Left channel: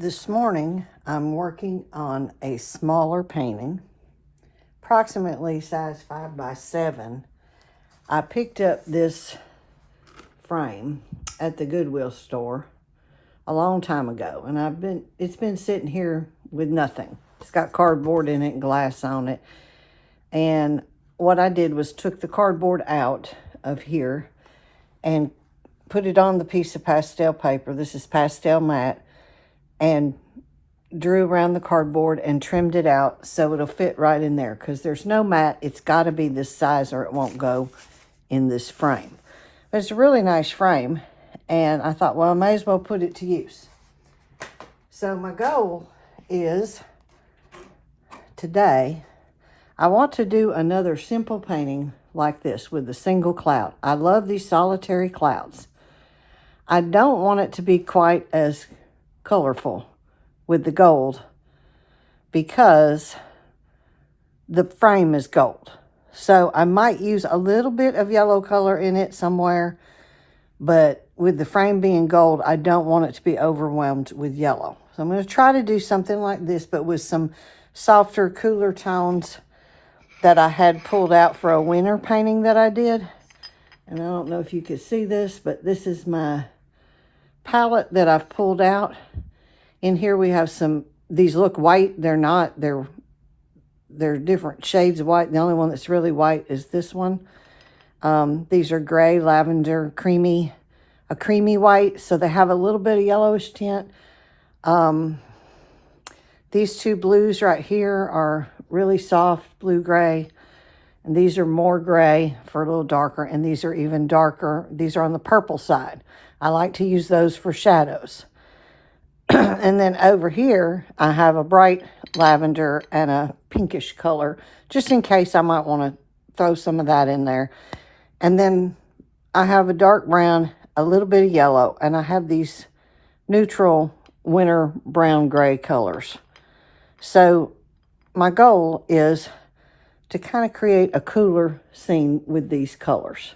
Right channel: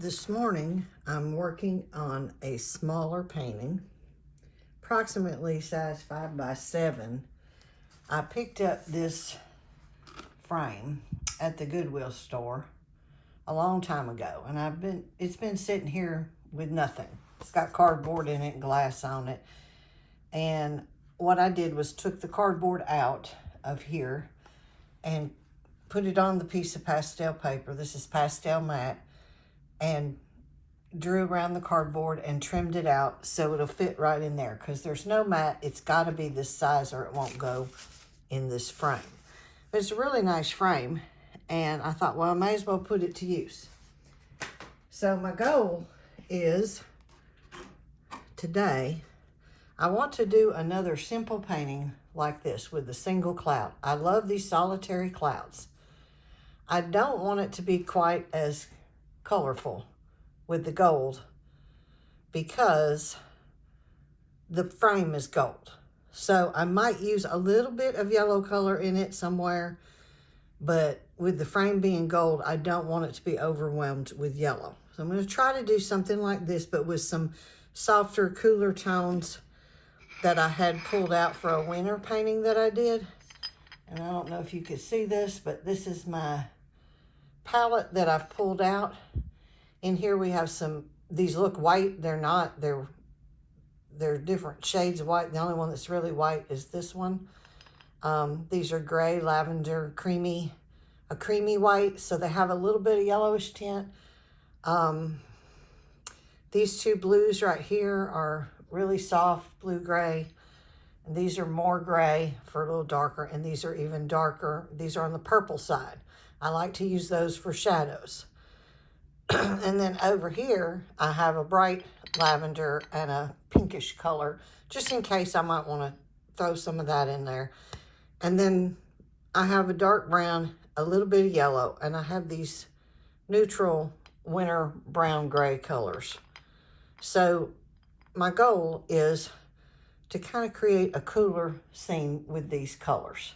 This morning, I'm working on a smaller painting, approximately size 5 by 7. I picked up this frame at the Goodwill store a long time ago, and it's been sitting here with nothing. It's got cardboard in it and glass on it. And what I did was took the cardboard out of here and put it on the piece of pastel paper. This is Pastel Mat. And drew around the cardboard and trimmed it out so it'll fit right in there, because there's no mat. It's got to be this size or it won't go in this frame. But it's a really nice frame, and I thought, well, I may as well put it to use. So my goal is today, I want to do another simple painting like this with a single cloud. I love these solitary clouds. I don't want it to be quite as colorful with the gold because the frame is gold. So I might use a little bit of yellow color in it somewhere, but with the frame being gold, I don't want it to be overwhelmed with yellow. So I'm going to try to do something like this, but with some softer, cooler tones that I had pulled out for a winter painting that I did. And I don't know if you could see this, but this is my palette that I've pulled out. In here we have these look white. They're not, they're different shades of white. The only one that's really white is this one. These are gray, lavender, a creamy white, so they have a little bit of yellowish tint. These two blues right here are really soft blue-gray, and these are more gray for a little darker, and these are even darker. These are on the purple side. I like to use those for shadows. And then over here, I have a bright lavender and a pinkish color, just in case I might want to throw some of that in there. And then I have a dark brown, a little bit of yellow, and I have these neutral winter brown gray colors. So my goal is to kind of create a cooler scene with these colors.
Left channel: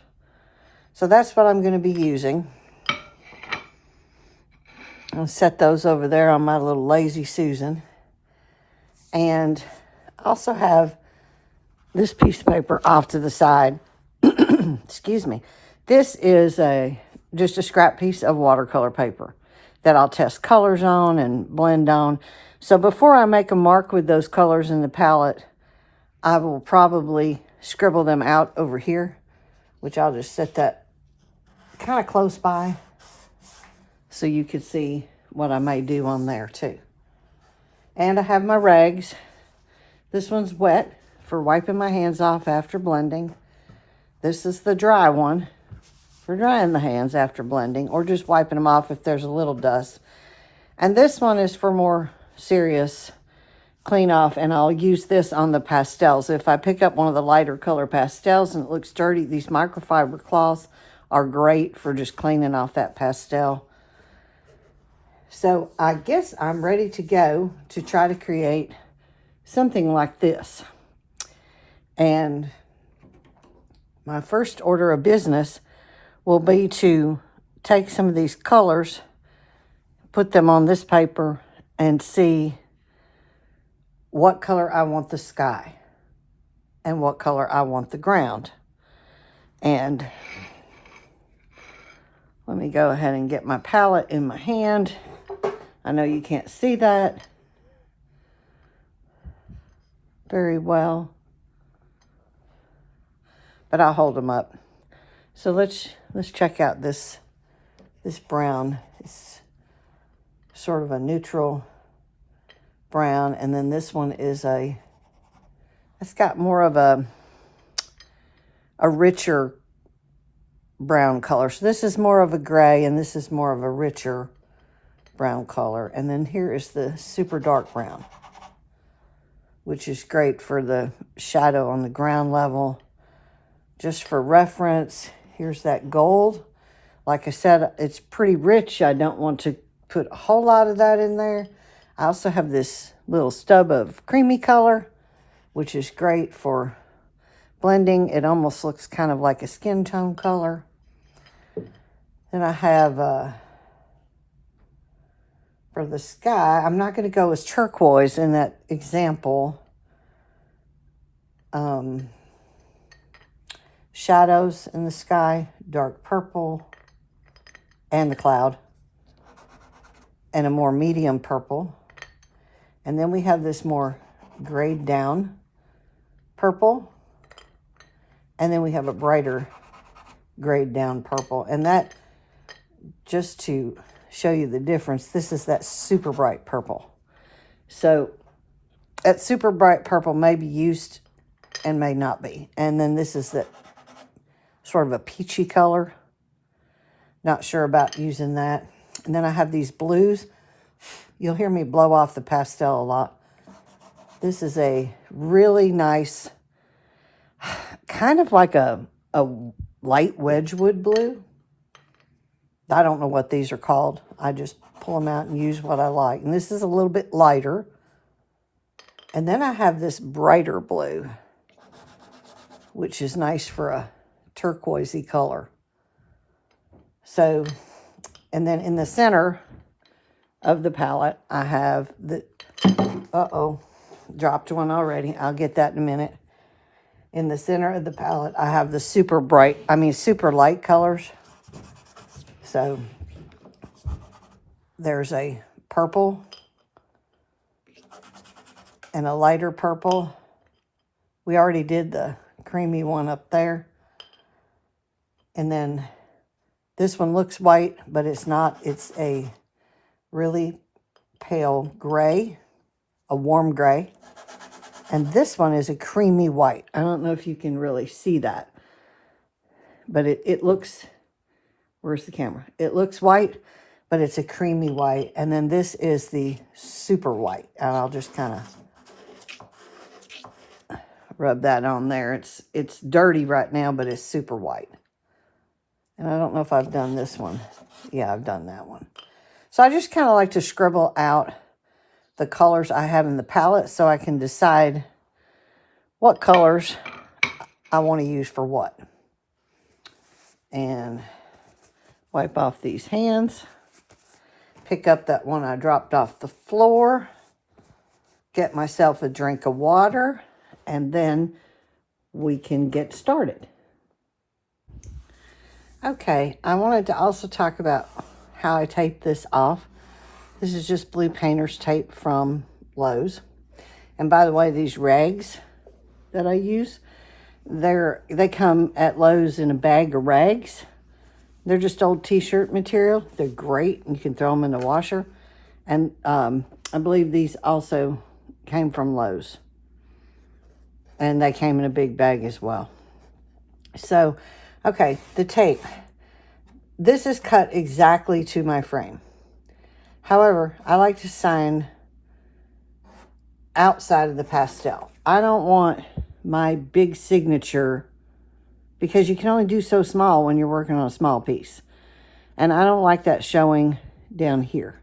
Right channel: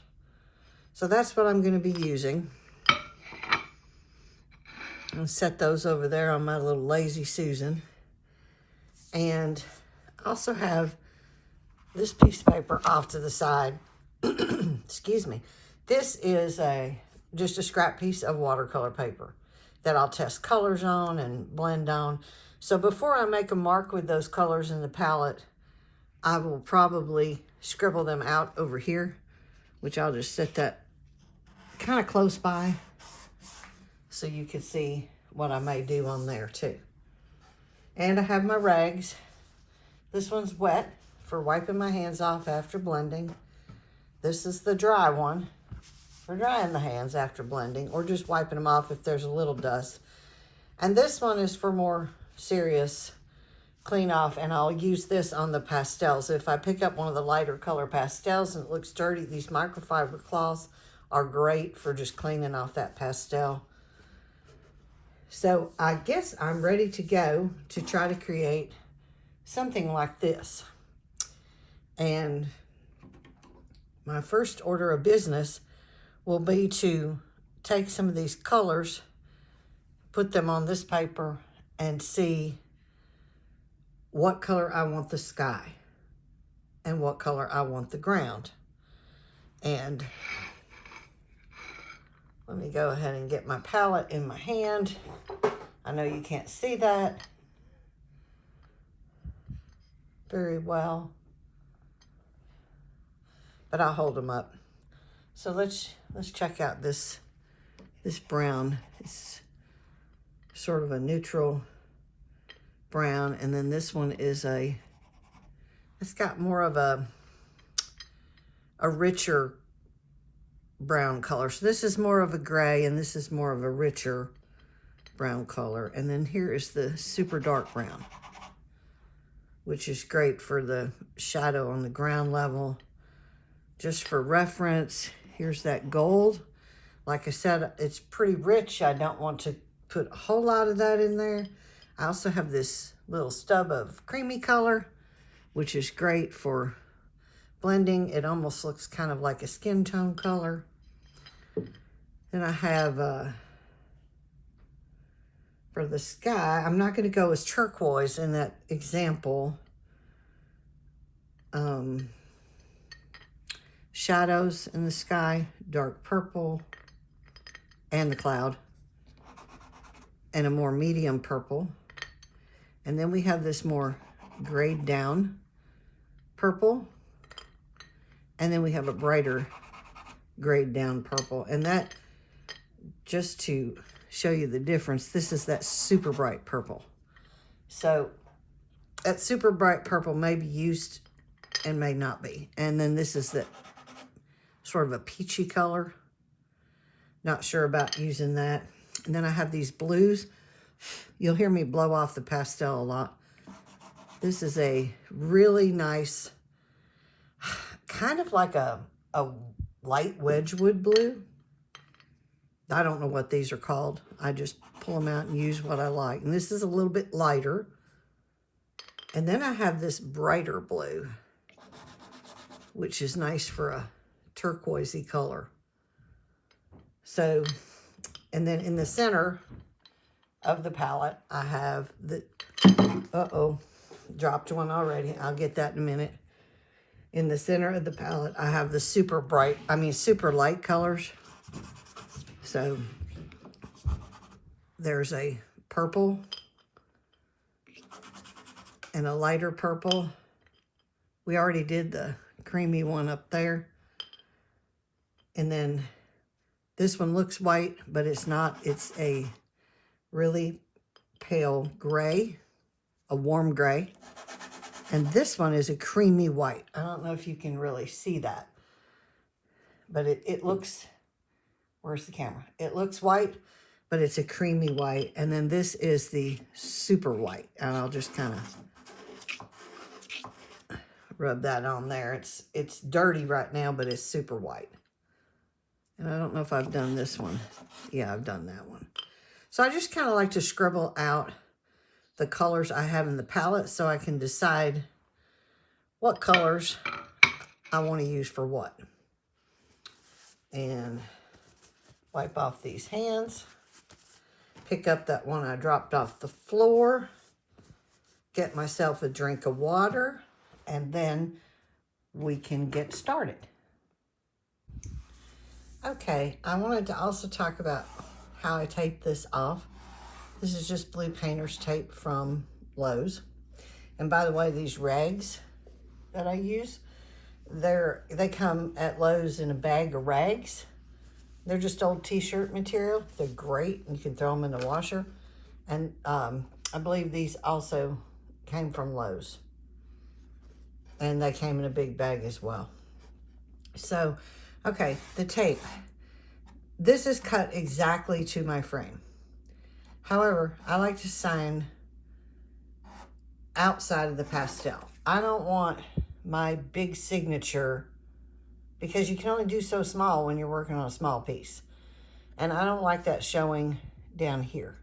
So that's what I'm going to be using. I'll set those over there on my little Lazy Susan. And I also have this piece of paper off to the side. Excuse me. This is just a scrap piece of watercolor paper that I'll test colors on and blend on. So before I make a mark with those colors in the palette, I will probably scribble them out over here, which I'll just set that kind of close by, so you can see what I may do on there too. And I have my rags. This one's wet for wiping my hands off after blending. This is the dry one for drying the hands after blending, or just wiping them off if there's a little dust. And this one is for more serious clean off, and I'll use this on the pastels. If I pick up one of the lighter color pastels and it looks dirty, these microfiber cloths are great for just cleaning off that pastel. So I guess I'm ready to go to try to create something like this. And my first order of business will be to take some of these colors, put them on this paper, and see what color I want the sky and what color I want the ground. And let me go ahead and get my palette in my hand. I know you can't see that very well, but I'll hold them up. So let's check out this brown. It's sort of a neutral brown, and then this one is it's got more of a richer brown color. So this is more of a gray, and this is more of a richer brown color. And then here is the super dark brown, which is great for the shadow on the ground level. Just for reference, here's that gold. Like I said, it's pretty rich. I don't want to put a whole lot of that in there. I also have this little stub of creamy color, which is great for blending. It almost looks kind of like a skin tone color. Then I have For the sky, I'm not going to go as turquoise in that example. Shadows in the sky, dark purple, and the cloud, and a more medium purple. And then we have this more grayed down purple, and then we have a brighter grayed down purple. And that, just to show you the difference, this is that super bright purple. So that super bright purple may be used and may not be. And then this is that sort of a peachy color. Not sure about using that. And then I have these blues. You'll hear me blow off the pastel a lot. This is a really nice, kind of like a light Wedgwood blue. I don't know what these are called. I just pull them out and use what I like. And this is a little bit lighter. And then I have this brighter blue, which is nice for a turquoisey color. So, and then in the center of the palette, I have the, dropped one already. I'll get that in a minute. In the center of the palette, I have the super light colors. So there's a purple and a lighter purple. We already did the creamy one up there. And then this one looks white, but it's not. It's a really pale gray, a warm gray. And this one is a creamy white. I don't know if you can really see that, but it looks, where's the camera? It looks white, but it's a creamy white. And then this is the super white. And I'll just kind of rub that on there. It's dirty right now, but it's super white. And I don't know if I've done this one. Yeah, I've done that one. So I just kind of like to scribble out the colors I have in the palette so I can decide what colors I want to use for what. And wipe off these hands. Pick up that one I dropped off the floor. Get myself a drink of water. And then we can get started. Okay, I wanted to also talk about how I tape this off. This is just blue painter's tape from Lowe's. And by the way, these rags that I use, they come at Lowe's in a bag of rags. They're just old t-shirt material. They're great. You can throw them in the washer. And I believe these also came from Lowe's. And they came in a big bag as well. So, okay, the tape. This is cut exactly to my frame. However, I like to sign outside of the pastel. I don't want my big signature, because you can only do so small when you're working on a small piece. And I don't like that showing down here.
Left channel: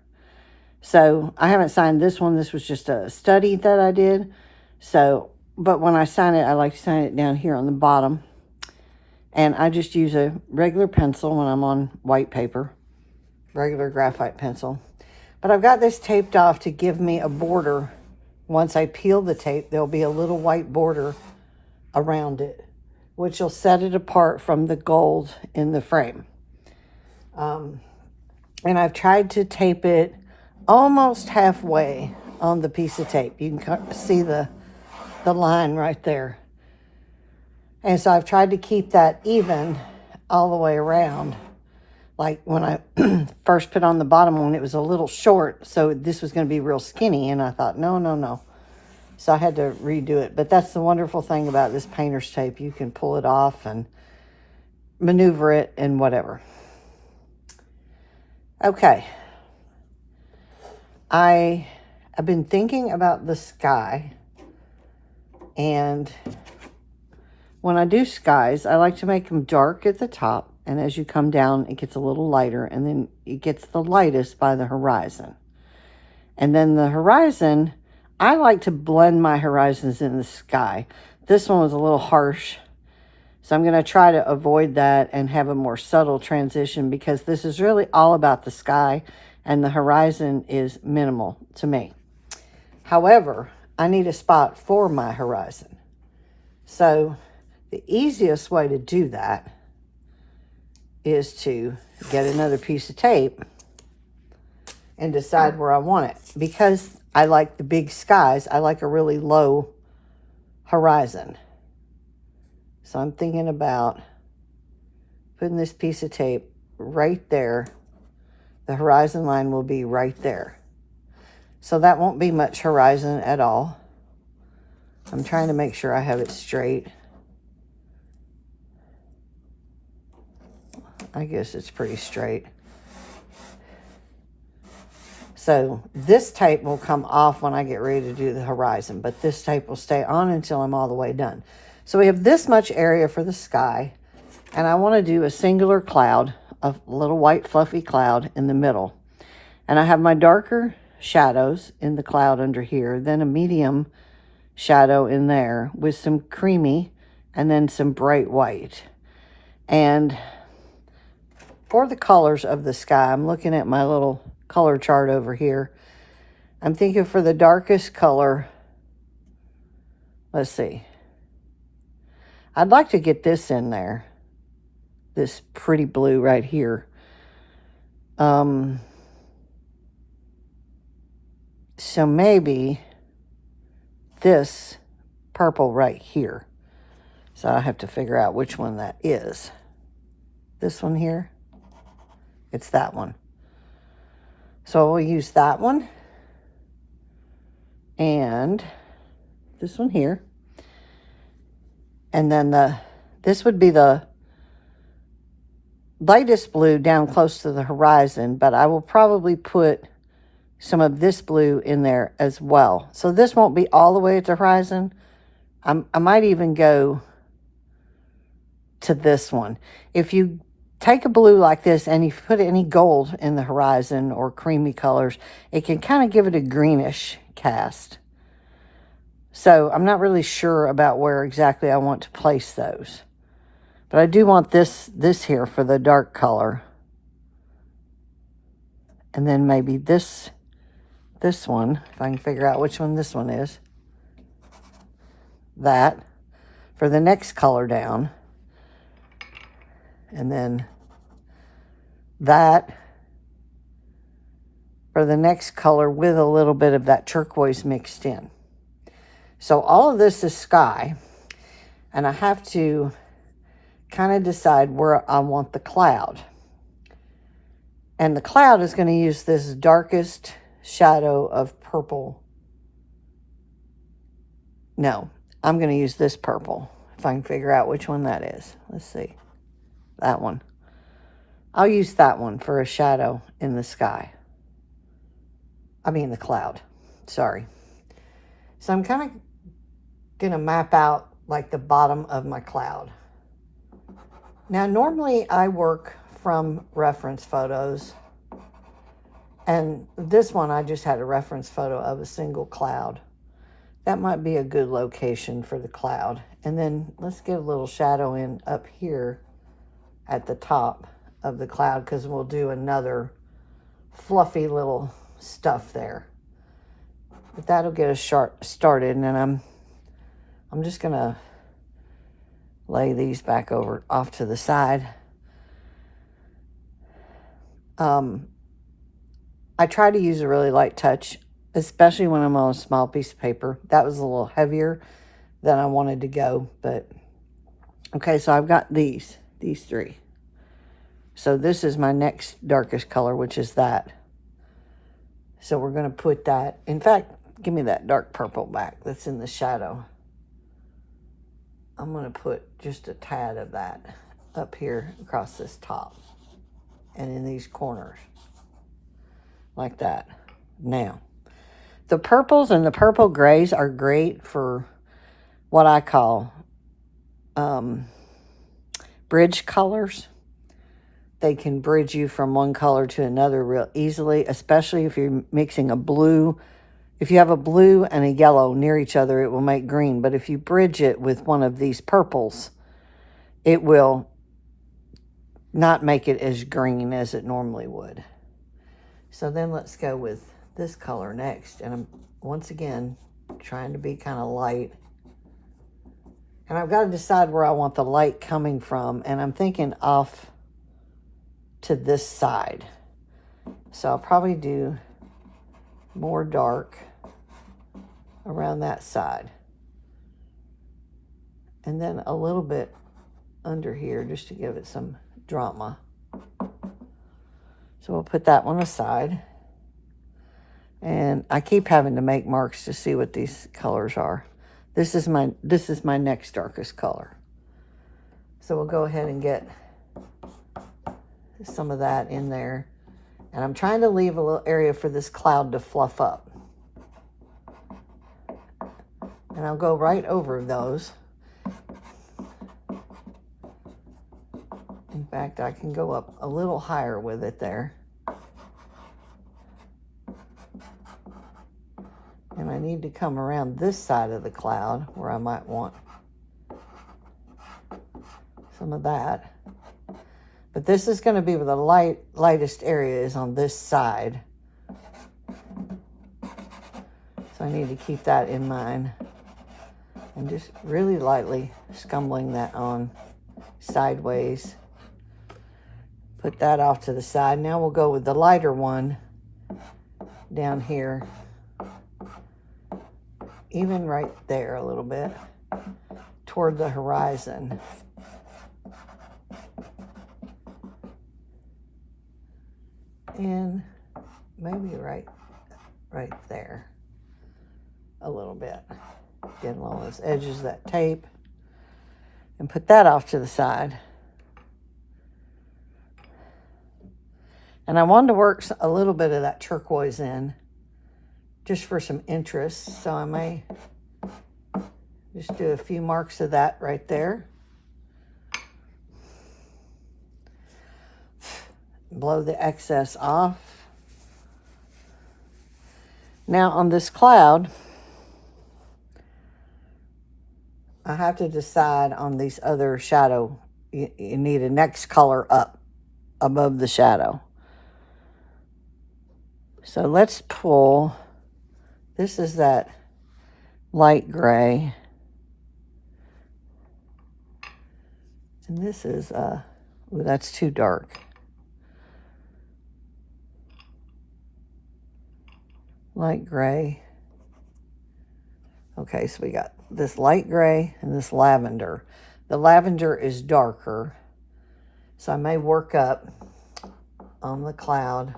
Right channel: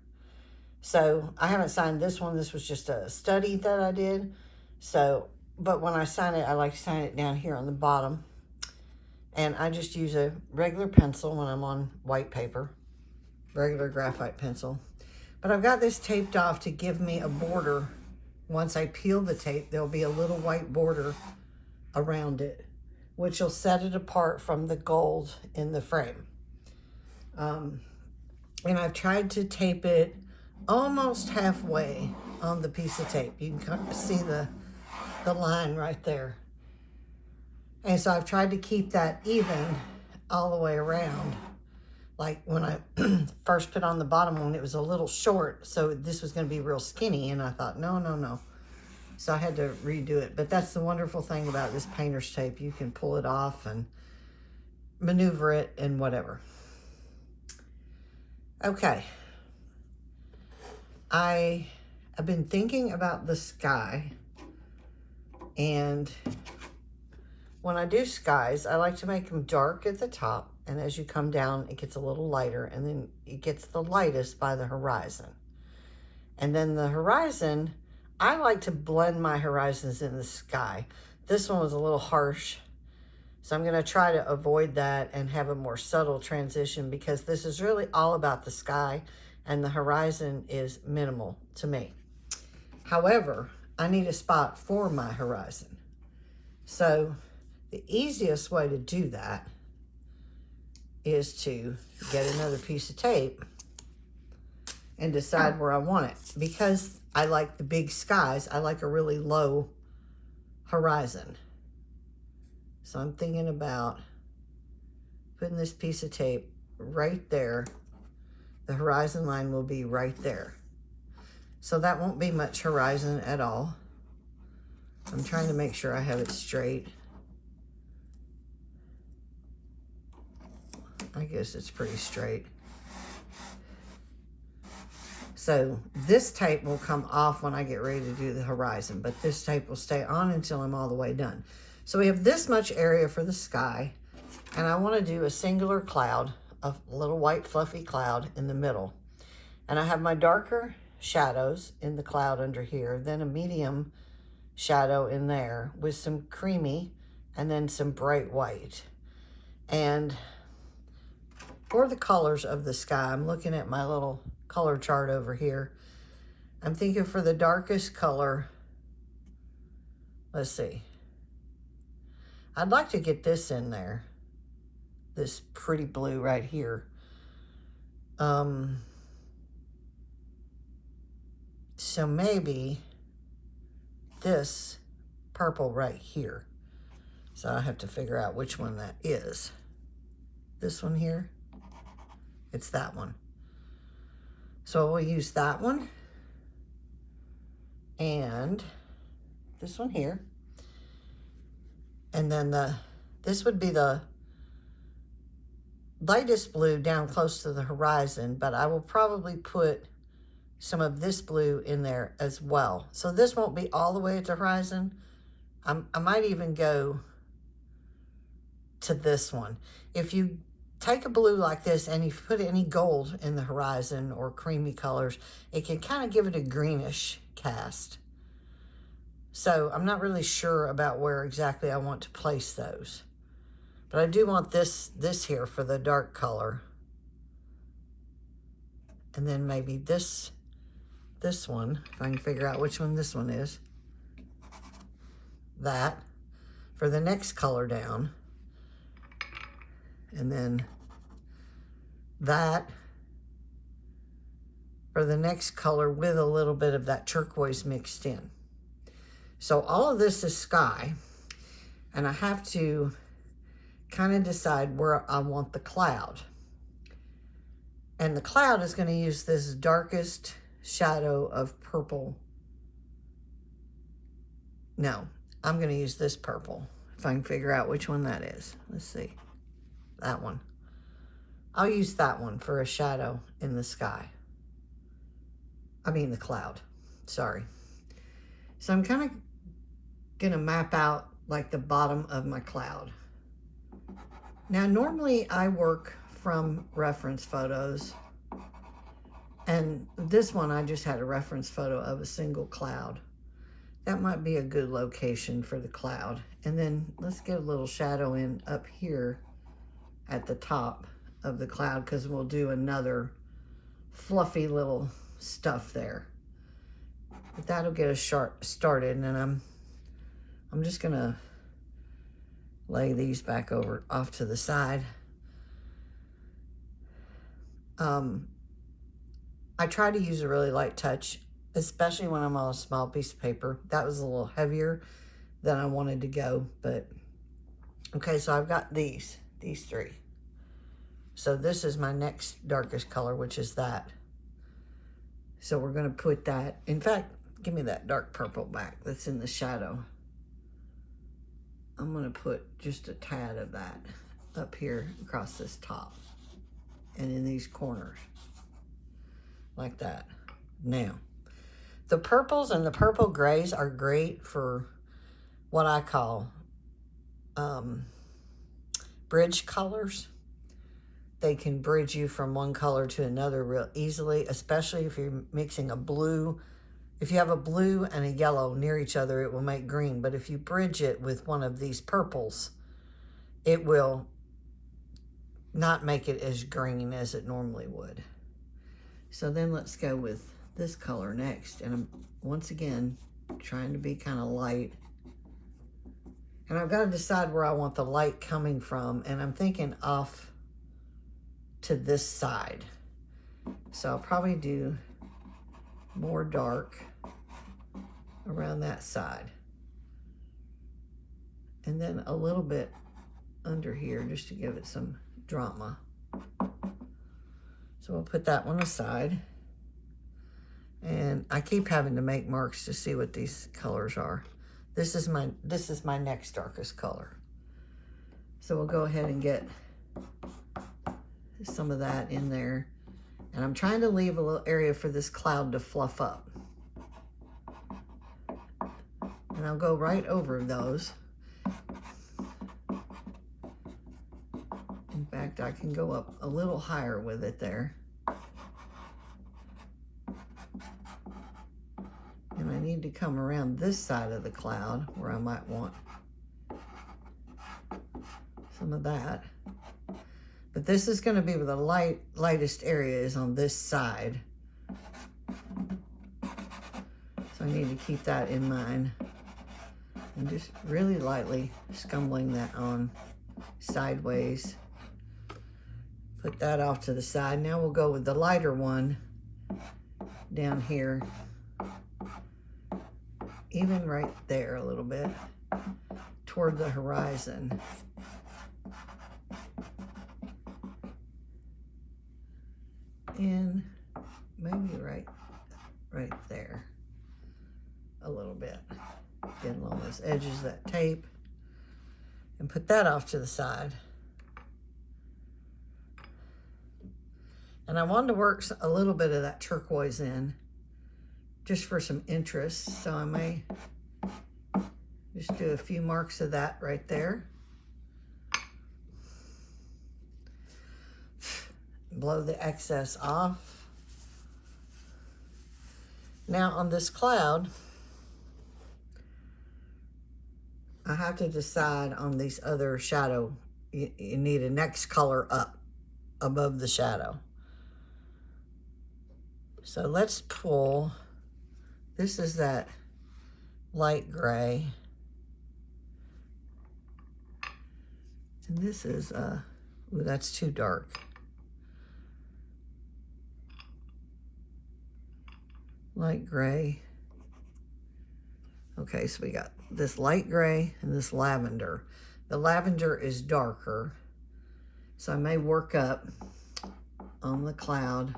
So I haven't signed this one. This was just a study that I did. So, but when I sign it, I like to sign it down here on the bottom. And I just use a regular pencil when I'm on white paper, regular graphite pencil. But I've got this taped off to give me a border. Once I peel the tape, there'll be a little white border around it, which will set it apart from the gold in the frame. And I've tried to tape it almost halfway on the piece of tape. You can see the line right there. And so I've tried to keep that even all the way around. Like when I first put on the bottom one, it was a little short, so this was going to be real skinny. And I thought, no. So I had to redo it. But that's the wonderful thing about this painter's tape. You can pull it off and maneuver it and whatever. Okay. I have been thinking about the sky. And when I do skies, I like to make them dark at the top. And as you come down, it gets a little lighter. And then it gets the lightest by the horizon. And then the horizon, I like to blend my horizons in the sky. This one was a little harsh. So I'm going to try to avoid that and have a more subtle transition, because this is really all about the sky and the horizon is minimal to me. However, I need a spot for my horizon. So the easiest way to do that is to get another piece of tape and decide where I want it. Because I like the big skies, I like a really low horizon. So I'm thinking about putting this piece of tape right there. The horizon line will be right there. So that won't be much horizon at all. I'm trying to make sure I have it straight. I guess it's pretty straight. So this tape will come off when I get ready to do the horizon, but this tape will stay on until I'm all the way done. So we have this much area for the sky, and I want to do a singular cloud, a little white fluffy cloud in the middle. And I have my darker shadows in the cloud under here, then a medium shadow in there with some creamy and then some bright white. And for the colors of the sky, I'm looking at my little color chart over here. I'm thinking for the darkest color, let's see. I'd like to get this in there, this pretty blue right here. So maybe this purple right here. So I have to figure out which one that is. This one here? It's that one. So we'll use that one. And this one here. And then this would be the lightest blue down close to the horizon, but I will probably put some of this blue in there as well. So this won't be all the way at the horizon. I might even go to this one. If you take a blue like this and you put any gold in the horizon or creamy colors, it can kind of give it a greenish cast. So I'm not really sure about where exactly I want to place those. But I do want this here for the dark color. And then maybe this one, if I can figure out which one this one is. That for the next color down. And then that for the next color with a little bit of that turquoise mixed in. So all of this is sky, and I have to kind of decide where I want the cloud. And the cloud is going to use this darkest shadow of purple. No, I'm going to use this purple, if I can figure out which one that is. Let's see. That one. I'll use that one for a shadow in the sky. I mean the cloud. Sorry. So I'm kind of going to map out like the bottom of my cloud. Now normally I work from reference photos, and this one I just had a reference photo of a single cloud. That might be a good location for the cloud. And then let's get a little shadow in up here at the top of the cloud, because we'll do another fluffy little stuff there. But that'll get us started, and then I'm just gonna lay these back over off to the side. I try to use a really light touch, especially when I'm on a small piece of paper. That was a little heavier than I wanted to go, but okay, so I've got these three. So this is my next darkest color, which is that. So we're gonna put that, in fact, give me that dark purple back that's in the shadow. I'm gonna put just a tad of that up here across this top and in these corners, like that. Now, the purples and the purple grays are great for what I call bridge colors. They can bridge you from one color to another real easily, especially if you're mixing a blue. If you have a blue and a yellow near each other, it will make green. But if you bridge it with one of these purples, it will not make it as green as it normally would. So then let's go with this color next. And I'm, once again, trying to be kind of light. And I've got to decide where I want the light coming from. And I'm thinking off to this side. So I'll probably do more dark around that side. And then a little bit under here just to give it some drama. So we'll put that one aside. And I keep having to make marks to see what these colors are. This is my next darkest color. So we'll go ahead and get some of that in there. And I'm trying to leave a little area for this cloud to fluff up. And I'll go right over those. In fact, I can go up a little higher with it there. And I need to come around this side of the cloud where I might want some of that. But this is going to be where the lightest area is on this side. So I need to keep that in mind. And just really lightly scumbling that on sideways. Put that off to the side. Now we'll go with the lighter one down here. Even right there a little bit toward the horizon. And maybe right there a little bit. Get along those edges of that tape and put that off to the side. And I wanted to work a little bit of that turquoise in just for some interest. So I may just do a few marks of that right there. Blow the excess off. Now on this cloud, I have to decide on these other shadow. You need a next color up above the shadow. So let's pull, this is that light gray. And this is, ooh, that's too dark. Light gray. Okay, so we got this light gray and this lavender. The lavender is darker, so I may work up on the cloud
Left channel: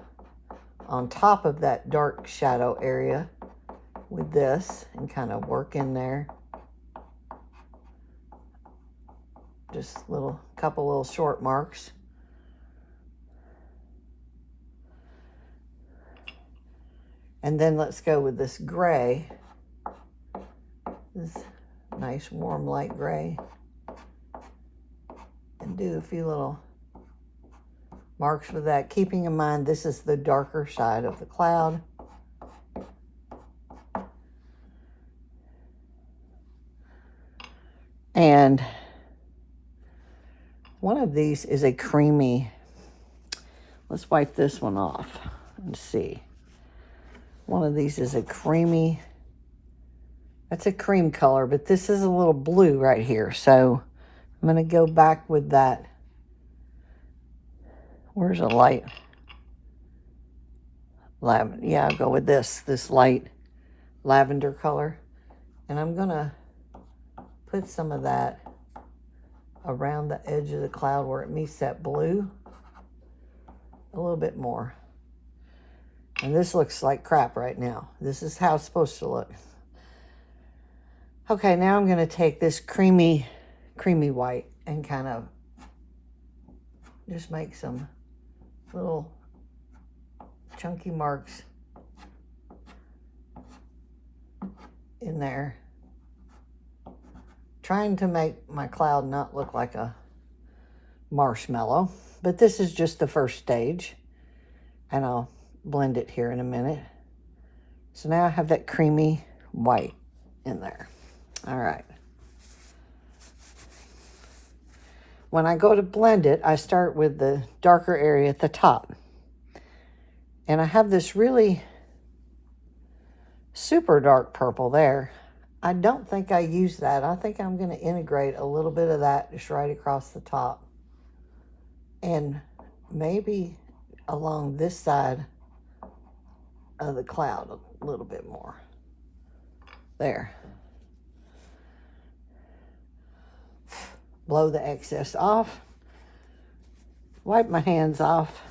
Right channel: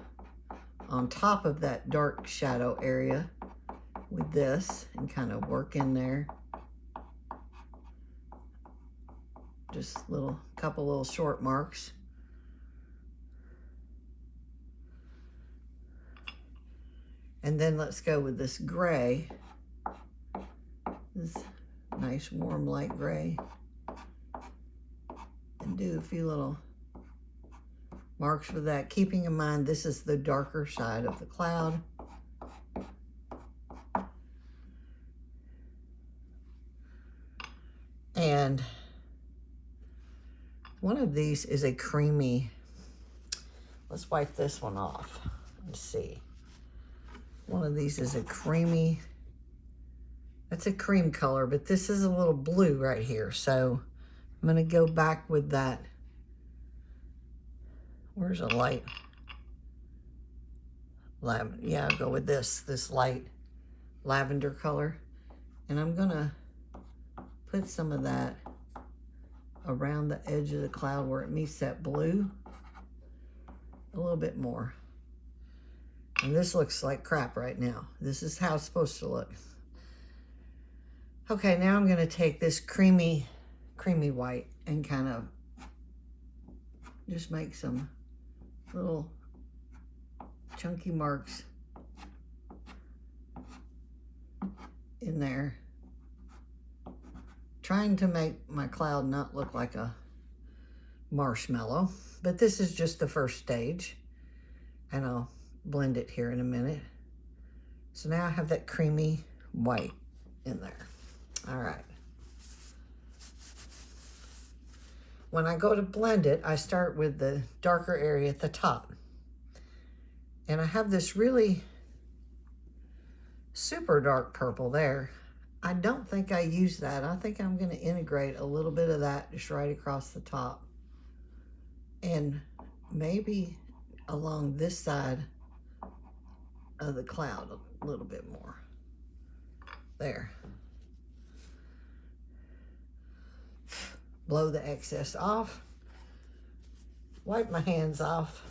on top of that dark shadow area with this and kind of work in there. Just couple little short marks. And then let's go with this gray, this nice warm light gray, and do a few little marks with that, keeping in mind this is the darker side of the cloud. And one of these is a creamy, let's wipe this one off and see. One of these is a creamy, that's a cream color, but this is a little blue right here. So I'm gonna go back with that. Where's a light? Lavender, yeah, I'll go with this light lavender color. And I'm gonna put some of that around the edge of the cloud where it meets that blue. A little bit more. And this looks like crap right now. This is how it's supposed to look. Okay, now I'm gonna take this creamy white and kind of just make some little chunky marks in there. Trying to make my cloud not look like a marshmallow, but this is just the first stage, and I'll blend it here in a minute. So now I have that creamy white in there. All right. When I go to blend it, I start with the darker area at the top. And I have this really super dark purple there. I don't think I use that. I think I'm going to integrate a little bit of that just right across the top. And maybe along this side of the cloud a little bit more. There. Blow the excess off. Wipe my hands off.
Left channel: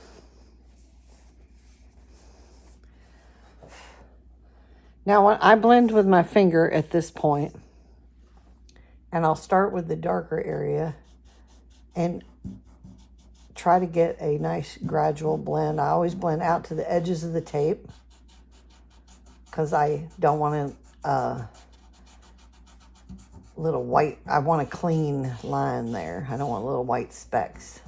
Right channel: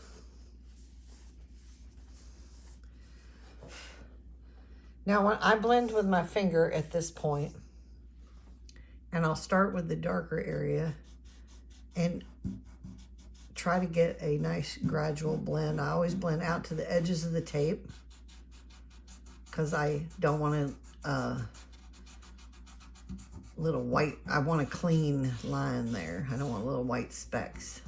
Now I blend with my finger at this point, and I'll start with the darker area and try to get a nice gradual blend. I always blend out to the edges of the tape because I don't want a little white, I want a clean line there. I don't want little white specks.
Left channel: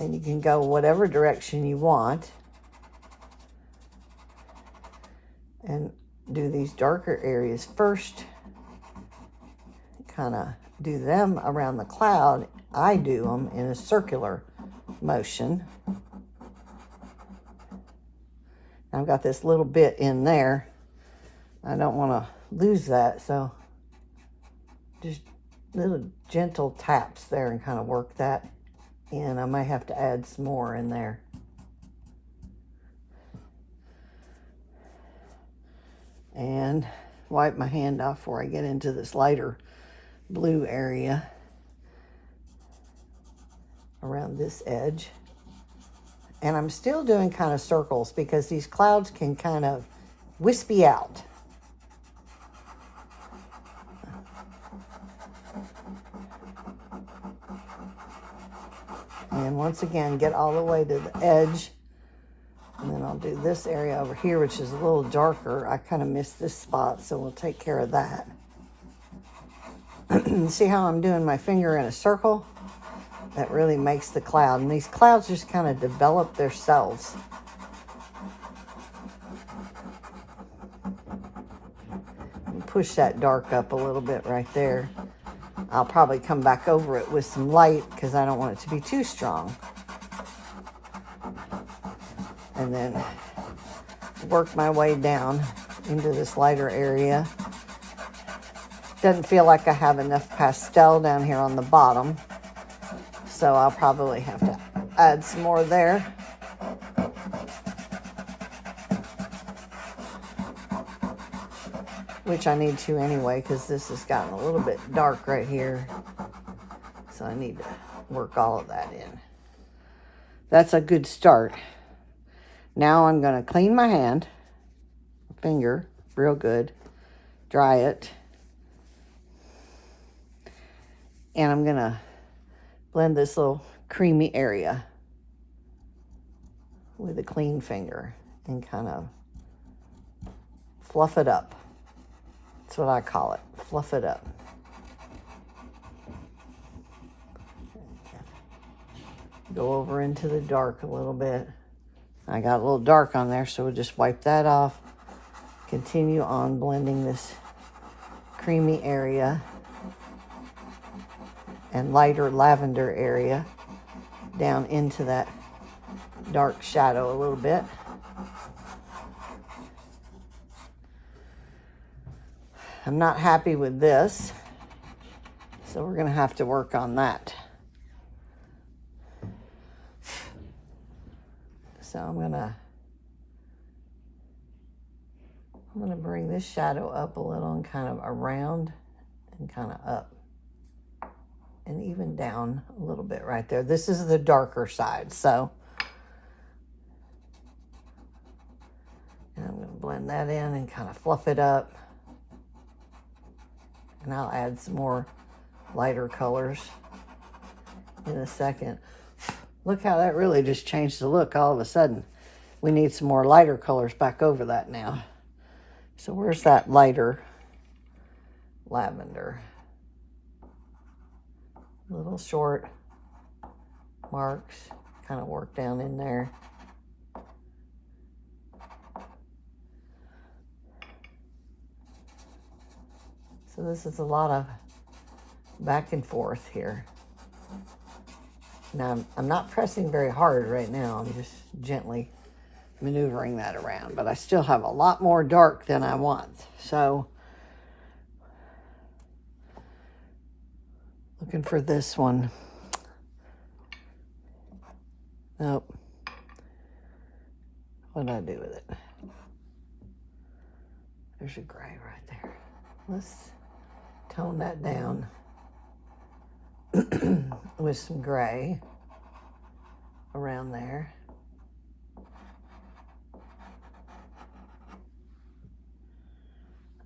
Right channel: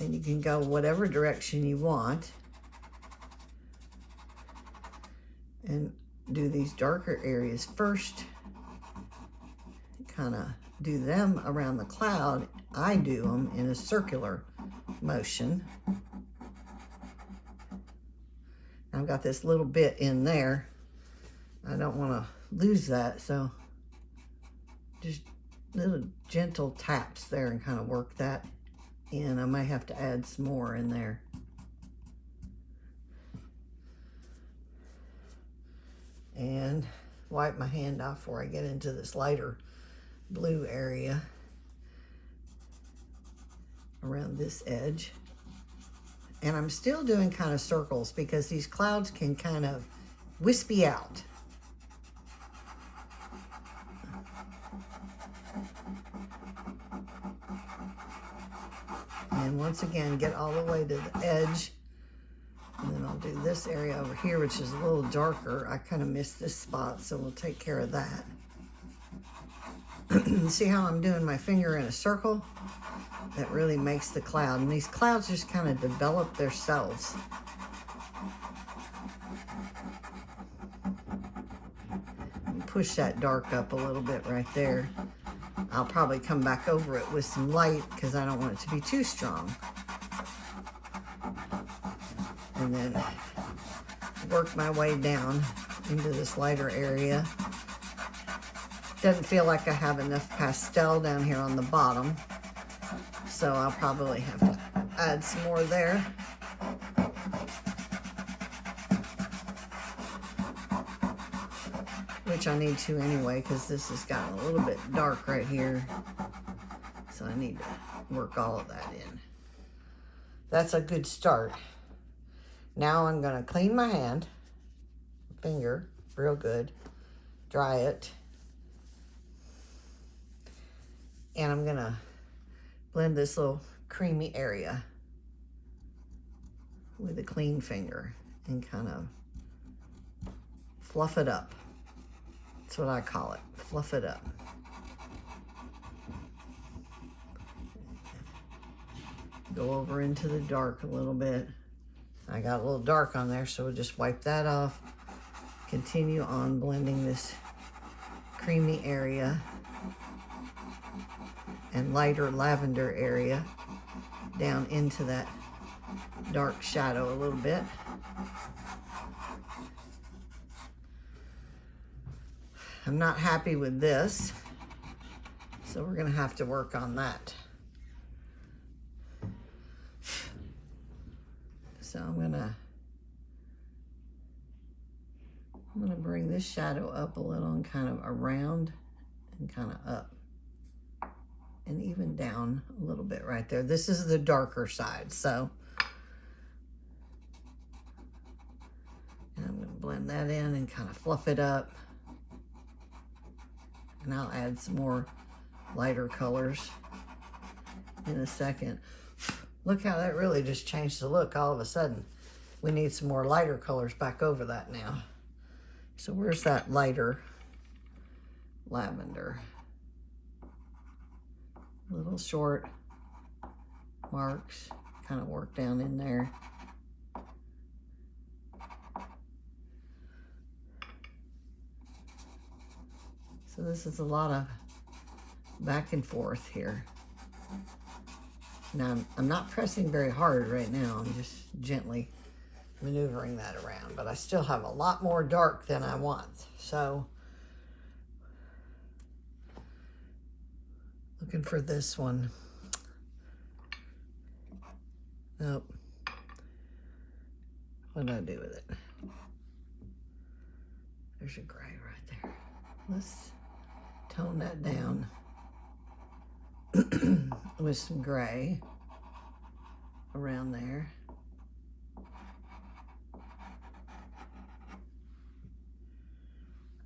And you can go whatever direction you want and do these darker areas first. Kind of do them around the cloud. I do them in a circular motion. I've got this little bit in there. I don't want to lose that, so just little gentle taps there and kind of work that in. I might have to add some more in there. And wipe my hand off before I get into this lighter blue area around this edge. And I'm still doing kind of circles because these clouds can kind of wispy out. And once again, get all the way to the edge. And then I'll do this area over here, which is a little darker. I kind of missed this spot, so we'll take care of that. See how I'm doing my finger in a circle? That really makes the cloud. And these clouds just kind of develop themselves. Push that dark up a little bit right there. I'll probably come back over it with some light because I don't want it to be too strong. And then work my way down into this lighter area. Doesn't feel like I have enough pastel down here on the bottom, so I'll probably have to add some more there. Which I need to anyway, because this has gotten a little bit dark right here. So I need to work all of that in. That's a good start. Now I'm going to clean my hand, finger, real good, dry it. And I'm going to blend this little creamy area with a clean finger and kind of fluff it up. That's what I call it, fluff it up. Go over into the dark a little bit. I got a little dark on there, so we'll just wipe that off. Continue on blending this creamy area and lighter lavender area down into that dark shadow a little bit. I'm not happy with this, so we're gonna have to work on that. So I'm gonna bring this shadow up a little and kind of around and kind of up and even down a little bit right there. This is the darker side, so and I'm gonna blend that in and kind of fluff it up. And I'll add some more lighter colors in a second. Look how that really just changed the look all of a sudden. We need some more lighter colors back over that now. So where's that lighter lavender? Little short marks, kind of work down in there. So this is a lot of back and forth here. Now, I'm not pressing very hard right now. I'm just gently maneuvering that around, but I still have a lot more dark than I want. So, looking for this one. Nope. What did I do with it? There's a gray right there. Let's tone that down with some gray around there.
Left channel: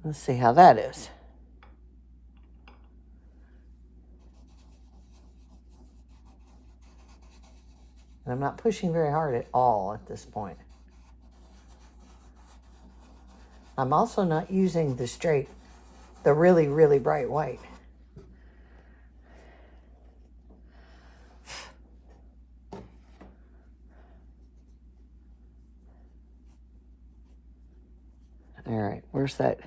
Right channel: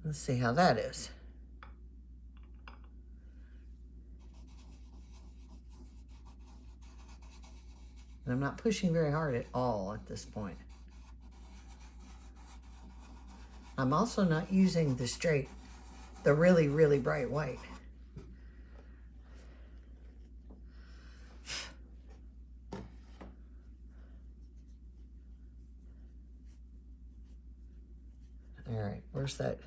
Let's see how that is. And I'm not pushing very hard at all at this point. I'm also not using the really, really bright white. All right, where's that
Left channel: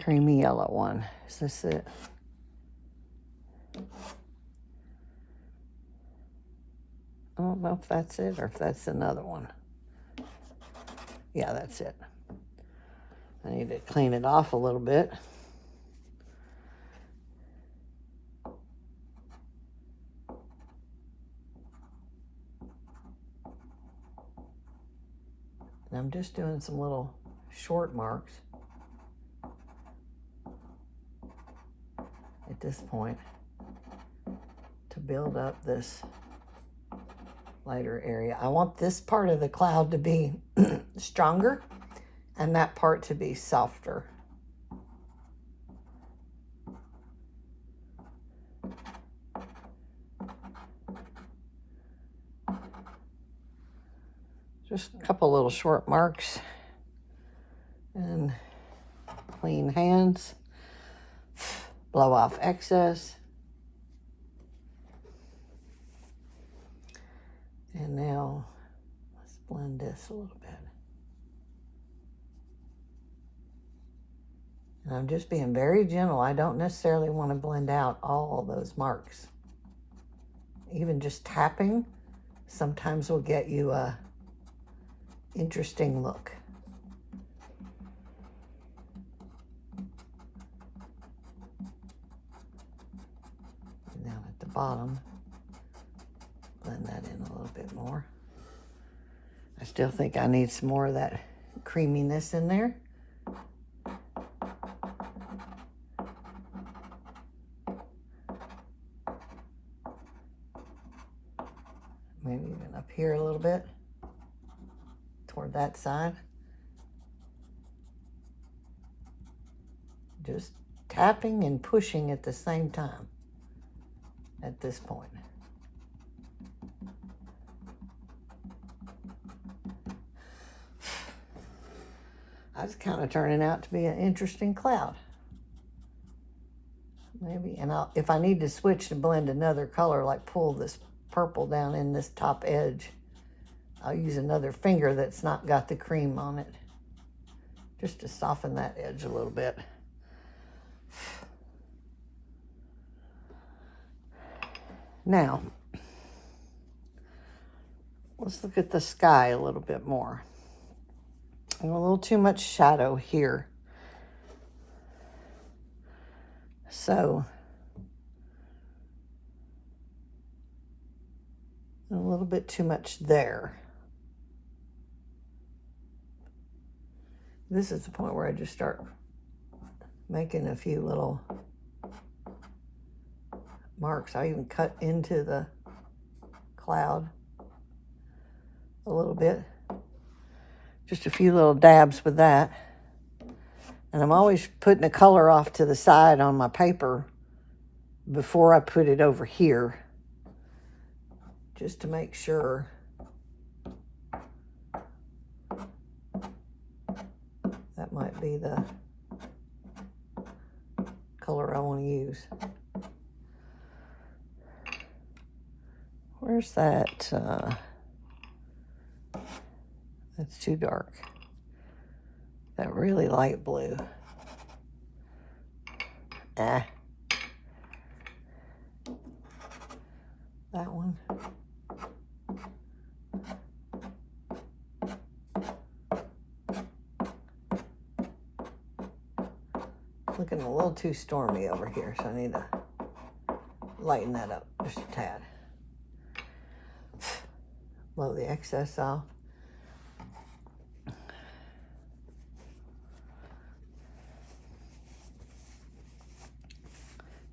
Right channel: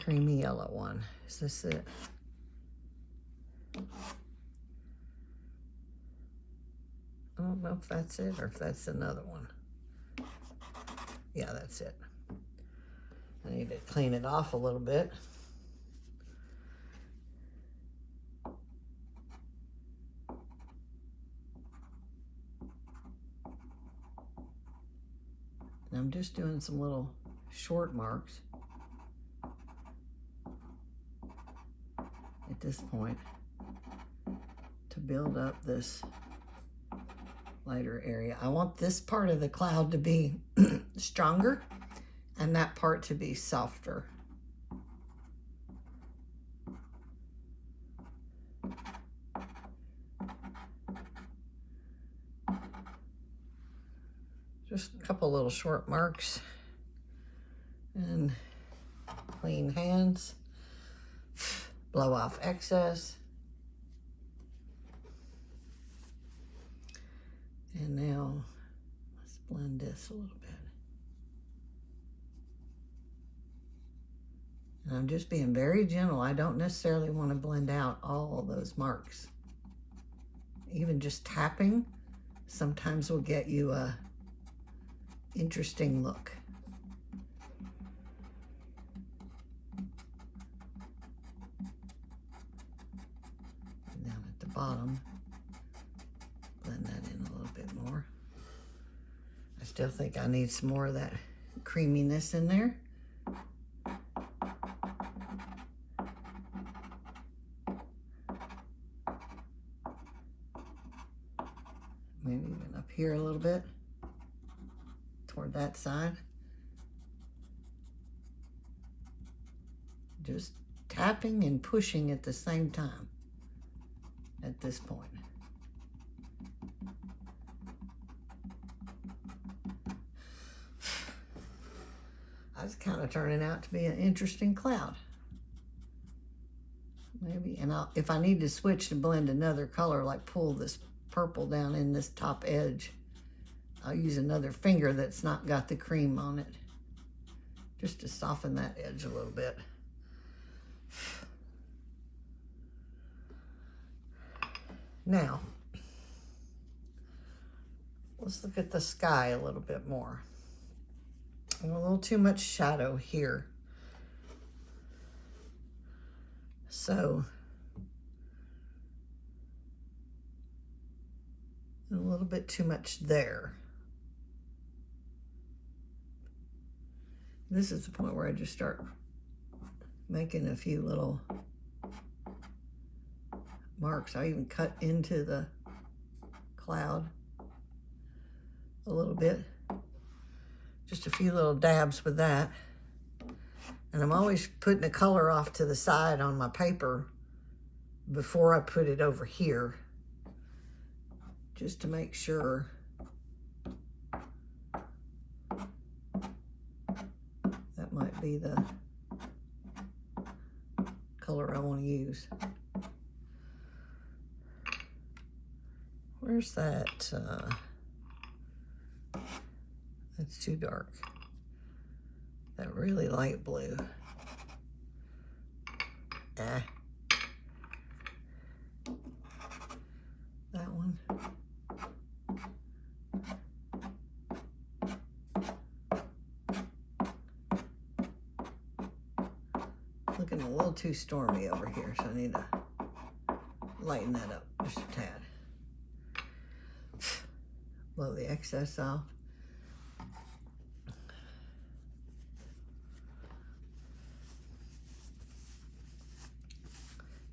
creamy yellow one? Is this it? I don't know if that's it or if that's another one. Yeah, that's it. I need to clean it off a little bit. And I'm just doing some little short marks at this point to build up this lighter area. I want this part of the cloud to be stronger and that part to be softer. Just a couple little short marks and clean hands. Blow off excess. And now let's blend this a little bit. And I'm just being very gentle. I don't necessarily want to blend out all those marks. Even just tapping sometimes will get you a interesting look. And down at the bottom, blend that in a little bit more. I still think I need some more of that creaminess in there. Maybe even up here a little bit toward that side. Just tapping and pushing at the same time at this point. That's kind of turning out to be an interesting cloud. Maybe, and if I need to switch to blend another color, like pull this purple down in this top edge, I'll use another finger that's not got the cream on it, just to soften that edge a little bit. Now, let's look at the sky a little bit more. I have a little too much shadow here. So, a little bit too much there. This is the point where I just start making a few little marks. I even cut into the cloud a little bit. Just a few little dabs with that. And I'm always putting the color off to the side on my paper before I put it over here, just to make sure that might be the color I want to use. Where's that? That's too dark. That really light blue. that one. Looking a little too stormy over here, so I need to lighten that up just a tad. Blow the excess off.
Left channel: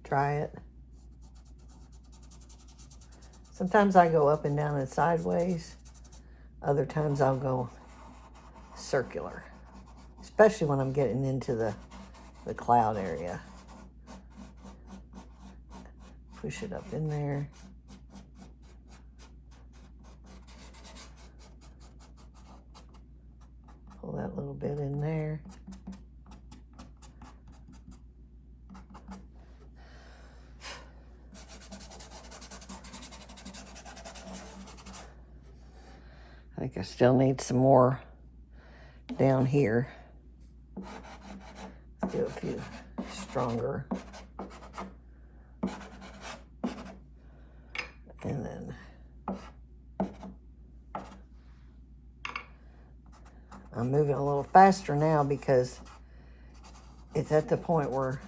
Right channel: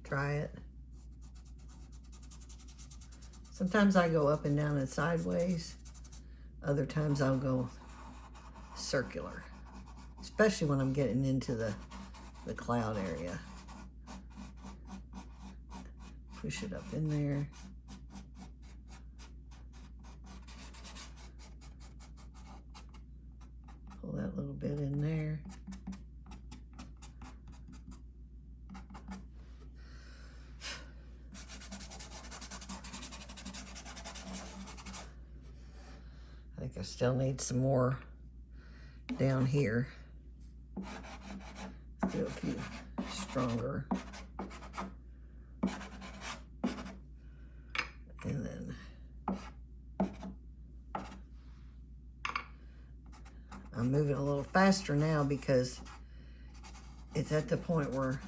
Dry it. Sometimes I go up and down and sideways. Other times I'll go circular, especially when I'm getting into the cloud area. Push it up in there. Pull that little bit in there. I think I still need some more down here. Let's do a few stronger. And then I'm moving a little faster now because it's at the point where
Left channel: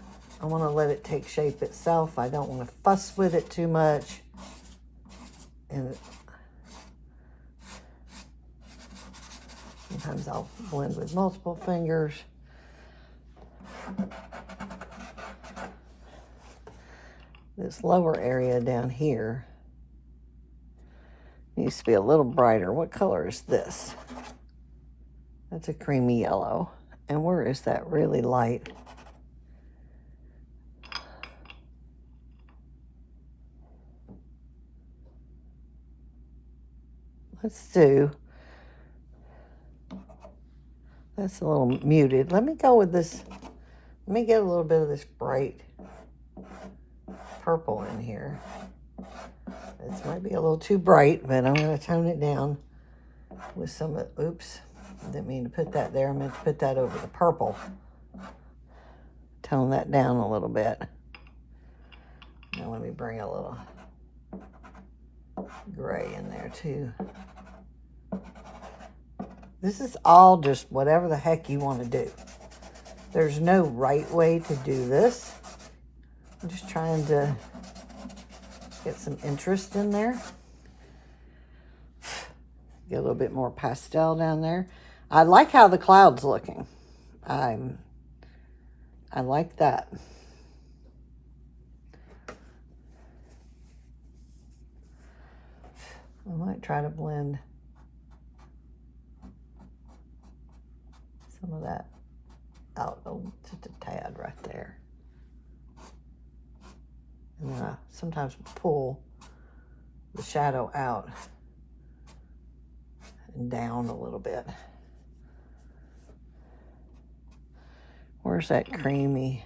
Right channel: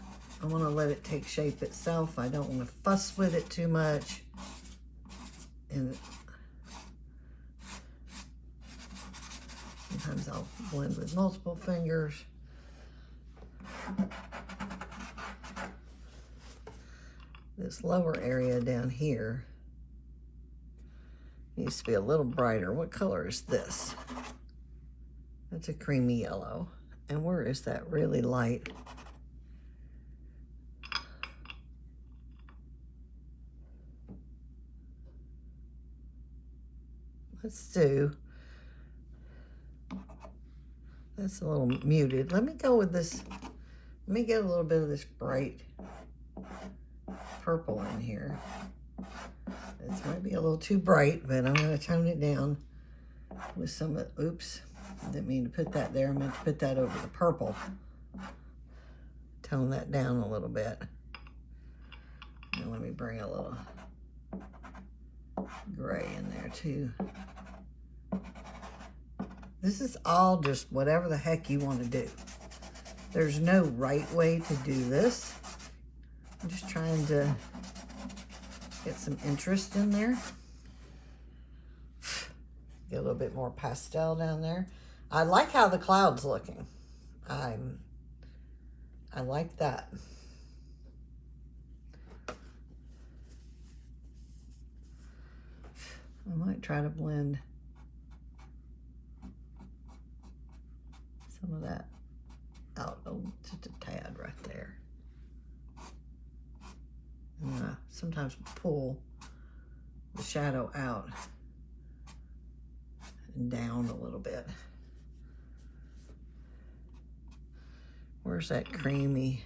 I want to let it take shape itself. I don't want to fuss with it too much. And sometimes I'll blend with multiple fingers. This lower area down here needs to be a little brighter. What color is this? That's a creamy yellow. And where is that really light? Let's do, that's a little muted. Let me go with this. Let me get a little bit of this bright purple in here. This might be a little too bright, but I'm going to tone it down with some of, oops, I didn't mean to put that there. I meant to put that over the purple. Tone that down a little bit. Now let me bring a little gray in there too. This is all just whatever the heck you want to do. There's no right way to do this. I'm just trying to get some interest in there. Get a little bit more pastel down there. I like how the cloud's looking. I like that. I might try to blend some of that out just a tad right there. And then I sometimes pull the shadow out and down a little bit. Where's that creamy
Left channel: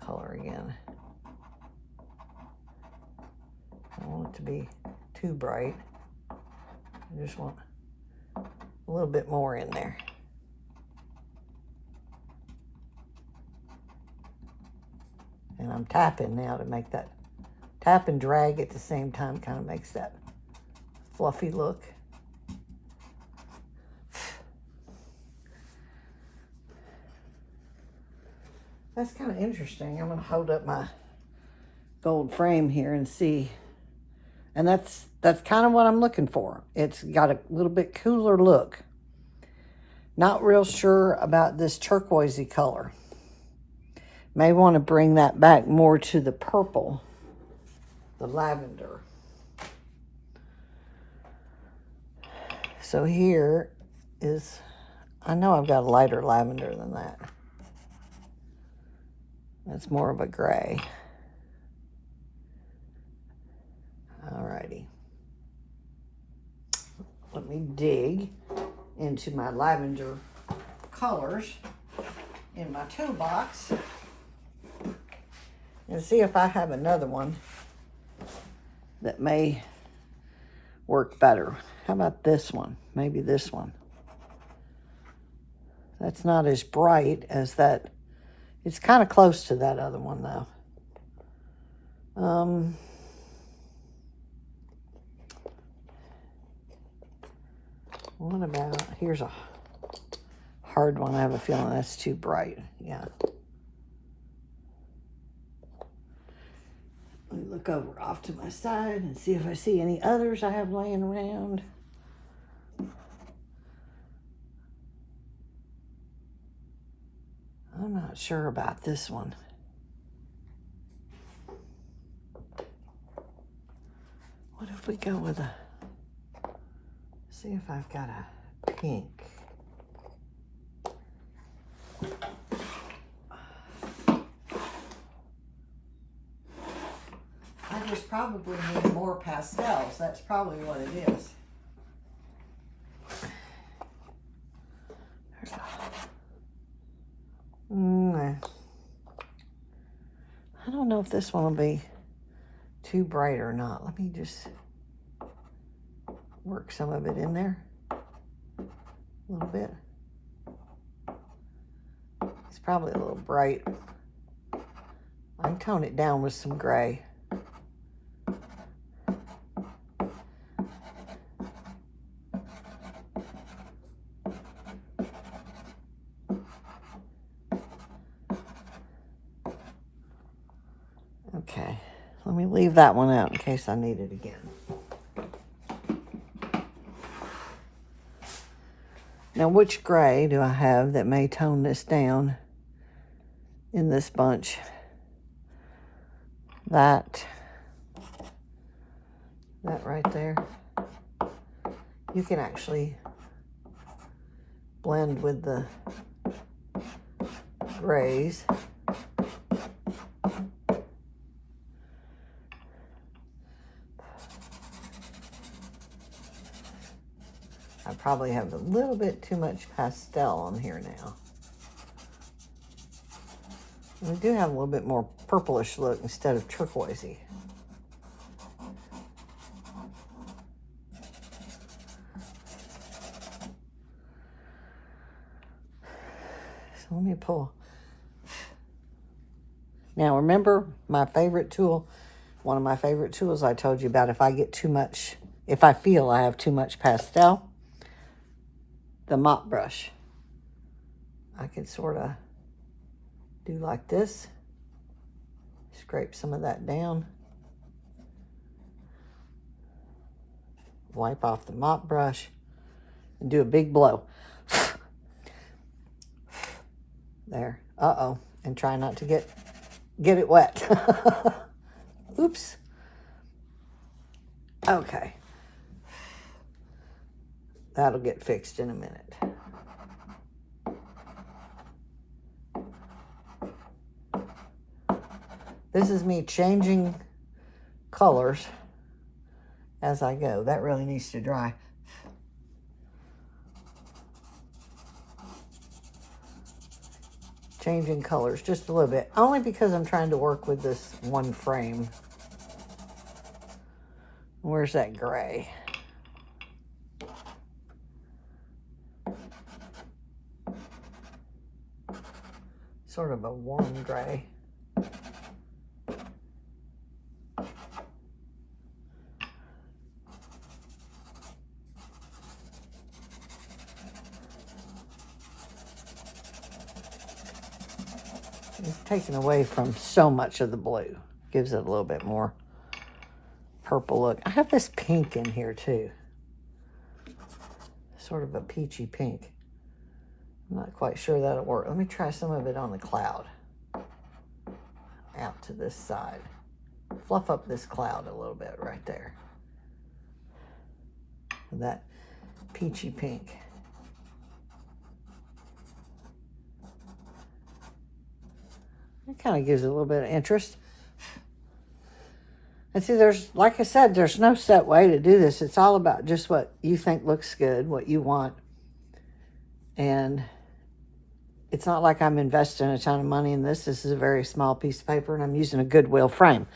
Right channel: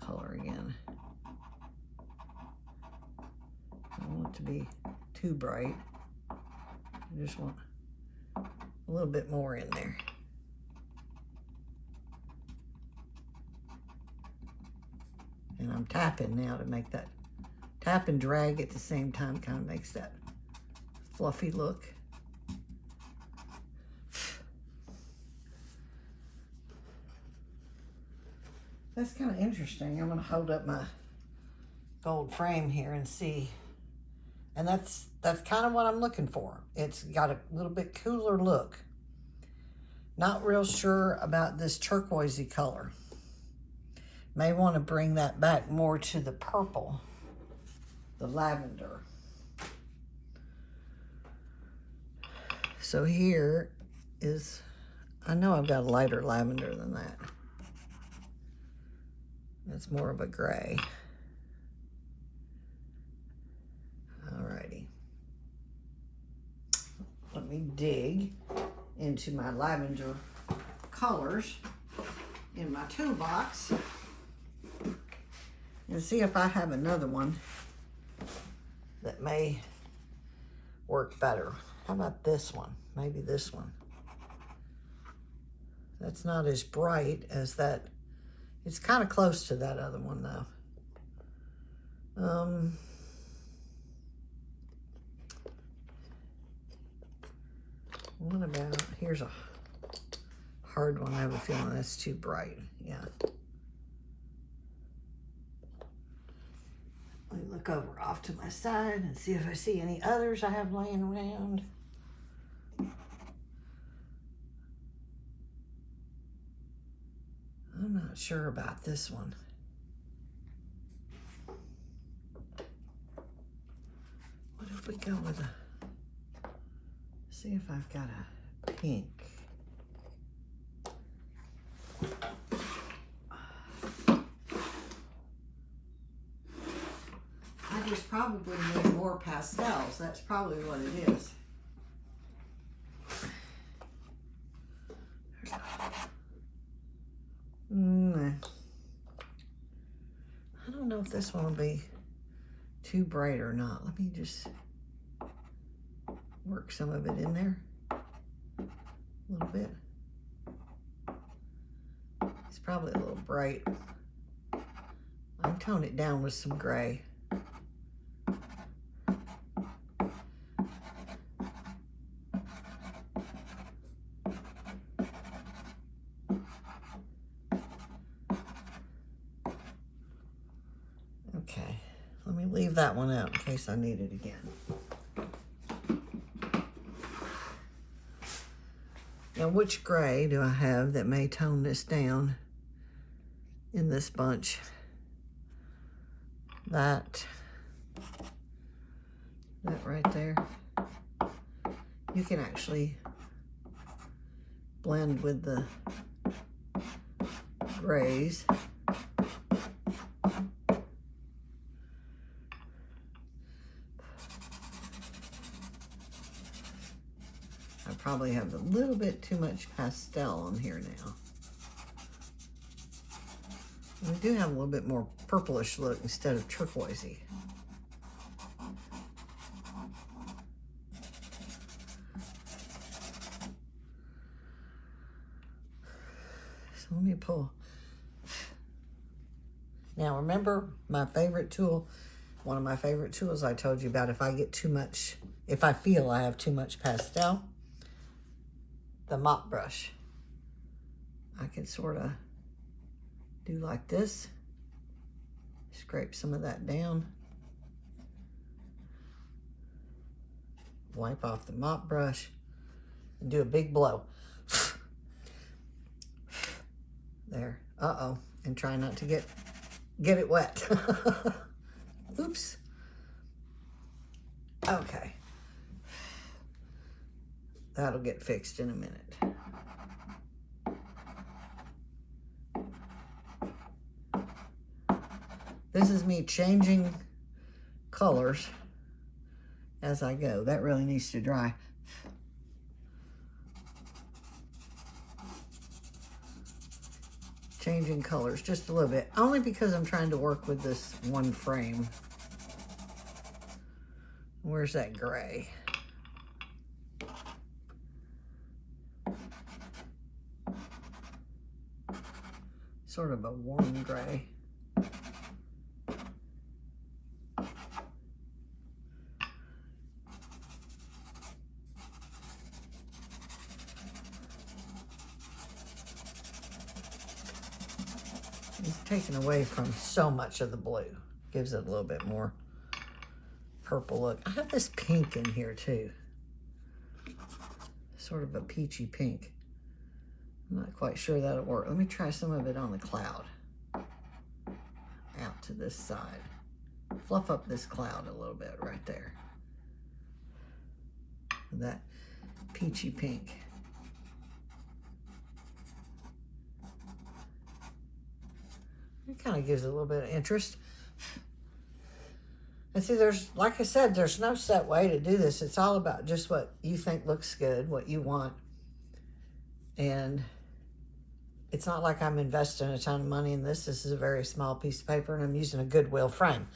color again? I don't want it to be too bright. I just want a little bit more in there. And I'm tapping now to make that, tap and drag at the same time kind of makes that fluffy look. That's kind of interesting. I'm going to hold up my gold frame here and see. And that's kind of what I'm looking for. It's got a little bit cooler look. Not real sure about this turquoisey color. May want to bring that back more to the purple, the lavender. So here is, I know I've got a lighter lavender than that. That's more of a gray. Alrighty. Let me dig into my lavender colors in my toolbox and see if I have another one that may work better. How about this one? Maybe this one. That's not as bright as that. It's kind of close to that other one though. What about, here's a hard one. I have a feeling that's too bright. Yeah. Let me look over off to my side and see if I see any others I have laying around. I'm not sure about this one. What if we go with a, see if I've got a pink. I just probably need more pastels. That's probably what it is. I don't know if this one will be too bright or not. Let me just work some of it in there a little bit. It's probably a little bright. I can tone it down with some gray. Okay, let me leave that one out in case I need it again. Now, which gray do I have that may tone this down in this bunch? That right there. You can actually blend with the grays. I probably have a little bit too much pastel on here now. We do have a little bit more purplish look instead of turquoisey. So let me pull. Now remember my favorite tool, one of my favorite tools I told you about, if I get too much, if I feel I have too much pastel, the mop brush. I can sort of do like this, scrape some of that down, wipe off the mop brush, and do a big blow. There, uh-oh, and try not to get it wet. Oops. Okay. That'll get fixed in a minute. This is me changing colors as I go. That really needs to dry. Changing colors just a little bit, only because I'm trying to work with this one frame. Where's that gray? Sort of a warm gray. It's taken away from so much of the blue. Gives it a little bit more purple look. I have this pink in here too. Sort of a peachy pink. I'm not quite sure that'll work. Let me try some of it on the cloud. Out to this side. Fluff up this cloud a little bit right there. With that peachy pink. It kind of gives it a little bit of interest. And see, there's, like I said, there's no set way to do this. It's all about just what you think looks good, what you want. And it's not like I'm investing a ton of money in this. This is a very small piece of paper, and I'm using a Goodwill frame.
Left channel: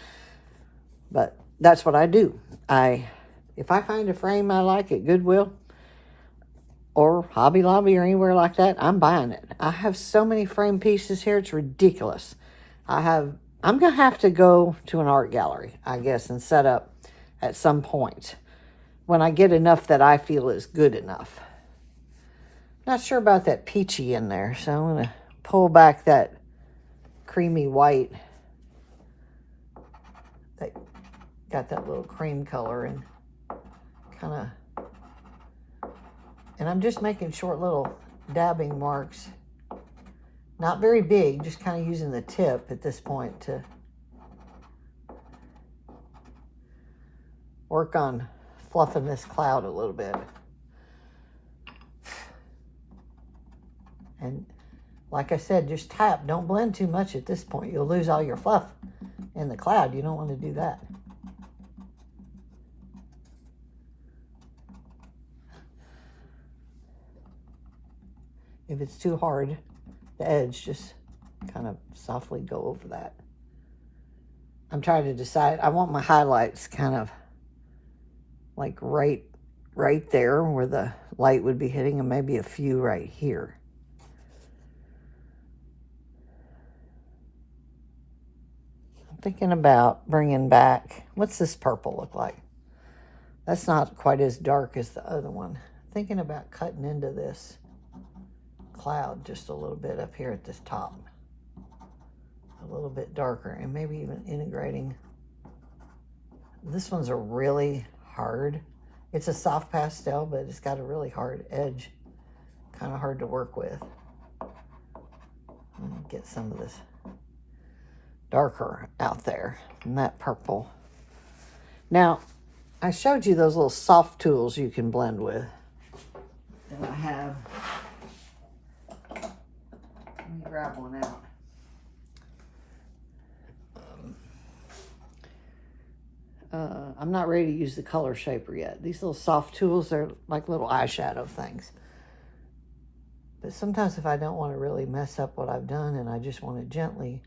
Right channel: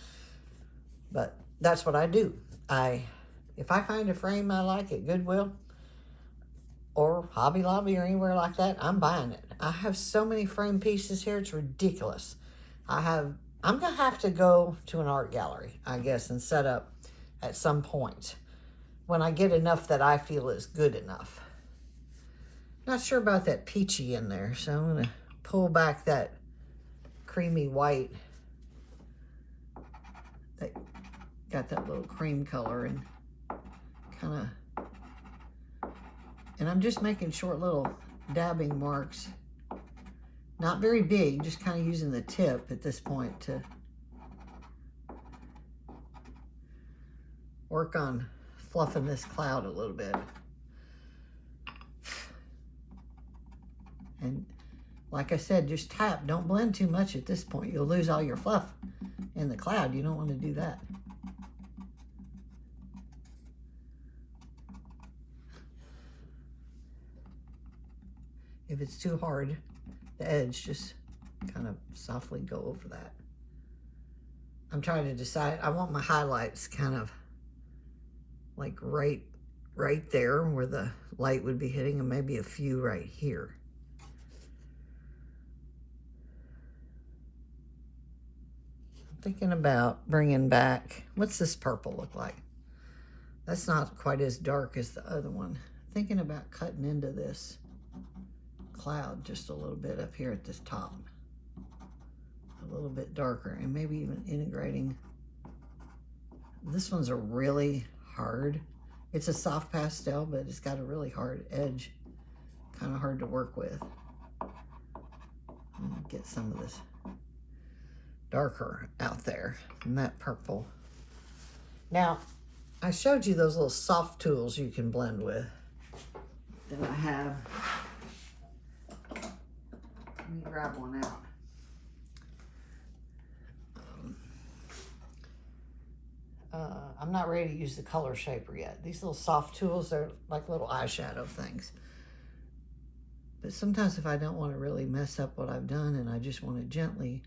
But that's what I do. If I find a frame I like at Goodwill or Hobby Lobby or anywhere like that, I'm buying it. I have so many frame pieces here, it's ridiculous. I'm gonna have to go to an art gallery, I guess, and set up at some point when I get enough that I feel is good enough. Not sure about that peachy in there, so I'm going to pull back that creamy white that got that little cream color and kind of, and I'm just making short little dabbing marks. Not very big, just kind of using the tip at this point to work on fluffing this cloud a little bit. And like I said, just tap. Don't blend too much at this point. You'll lose all your fluff in the cloud. You don't want to do that. If it's too hard, the edge, just kind of softly go over that. I'm trying to decide. I want my highlights kind of like right there where the light would be hitting, and maybe a few right here. Thinking about bringing back, what's this purple look like? That's not quite as dark as the other one. Thinking about cutting into this cloud just a little bit up here at this top. A little bit darker, and maybe even integrating. This one's a really hard, it's a soft pastel, but it's got a really hard edge. Kind of hard to work with. I'm gonna get some of this darker out there and that purple. Now, I showed you those little soft tools you can blend with. Then I have, let me grab one out. I'm not ready to use the color shaper yet. These little soft tools are like little eyeshadow things. But sometimes if I don't want to really mess up what I've done and I just want to gently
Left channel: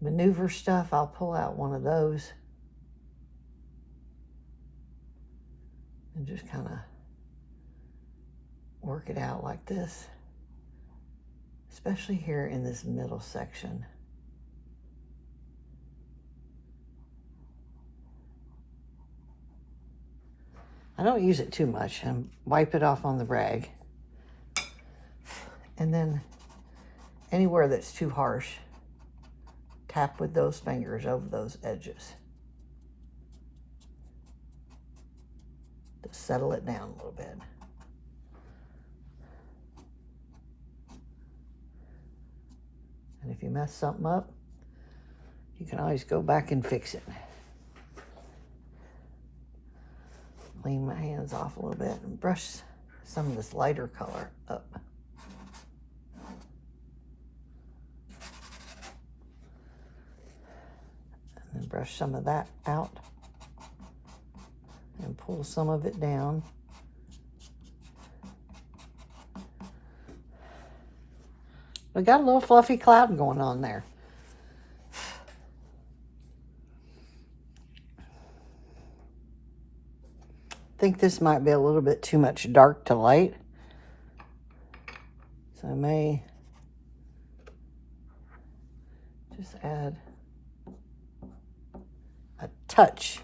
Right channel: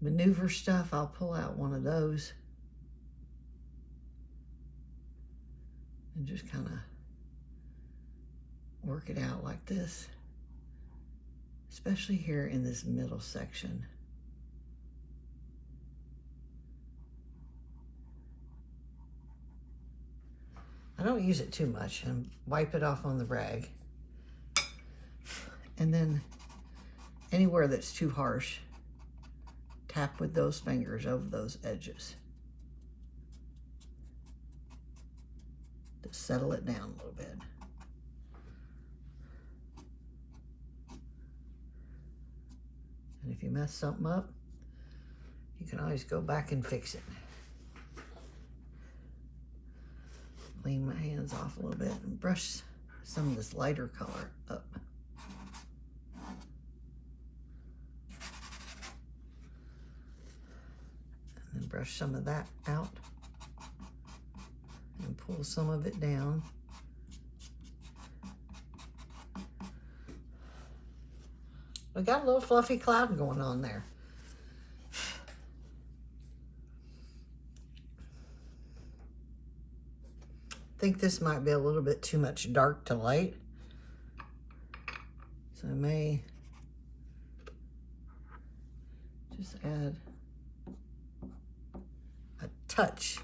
maneuver stuff, I'll pull out one of those and just kind of work it out like this, especially here in this middle section. I don't use it too much, and wipe it off on the rag. And then anywhere that's too harsh, tap with those fingers over those edges to settle it down a little bit. And if you mess something up, you can always go back and fix it. Clean my hands off a little bit and brush some of this lighter color up. And then brush some of that out and pull some of it down. We got a little fluffy cloud going on there. I think this might be a little bit too much dark to light. So I may just add a touch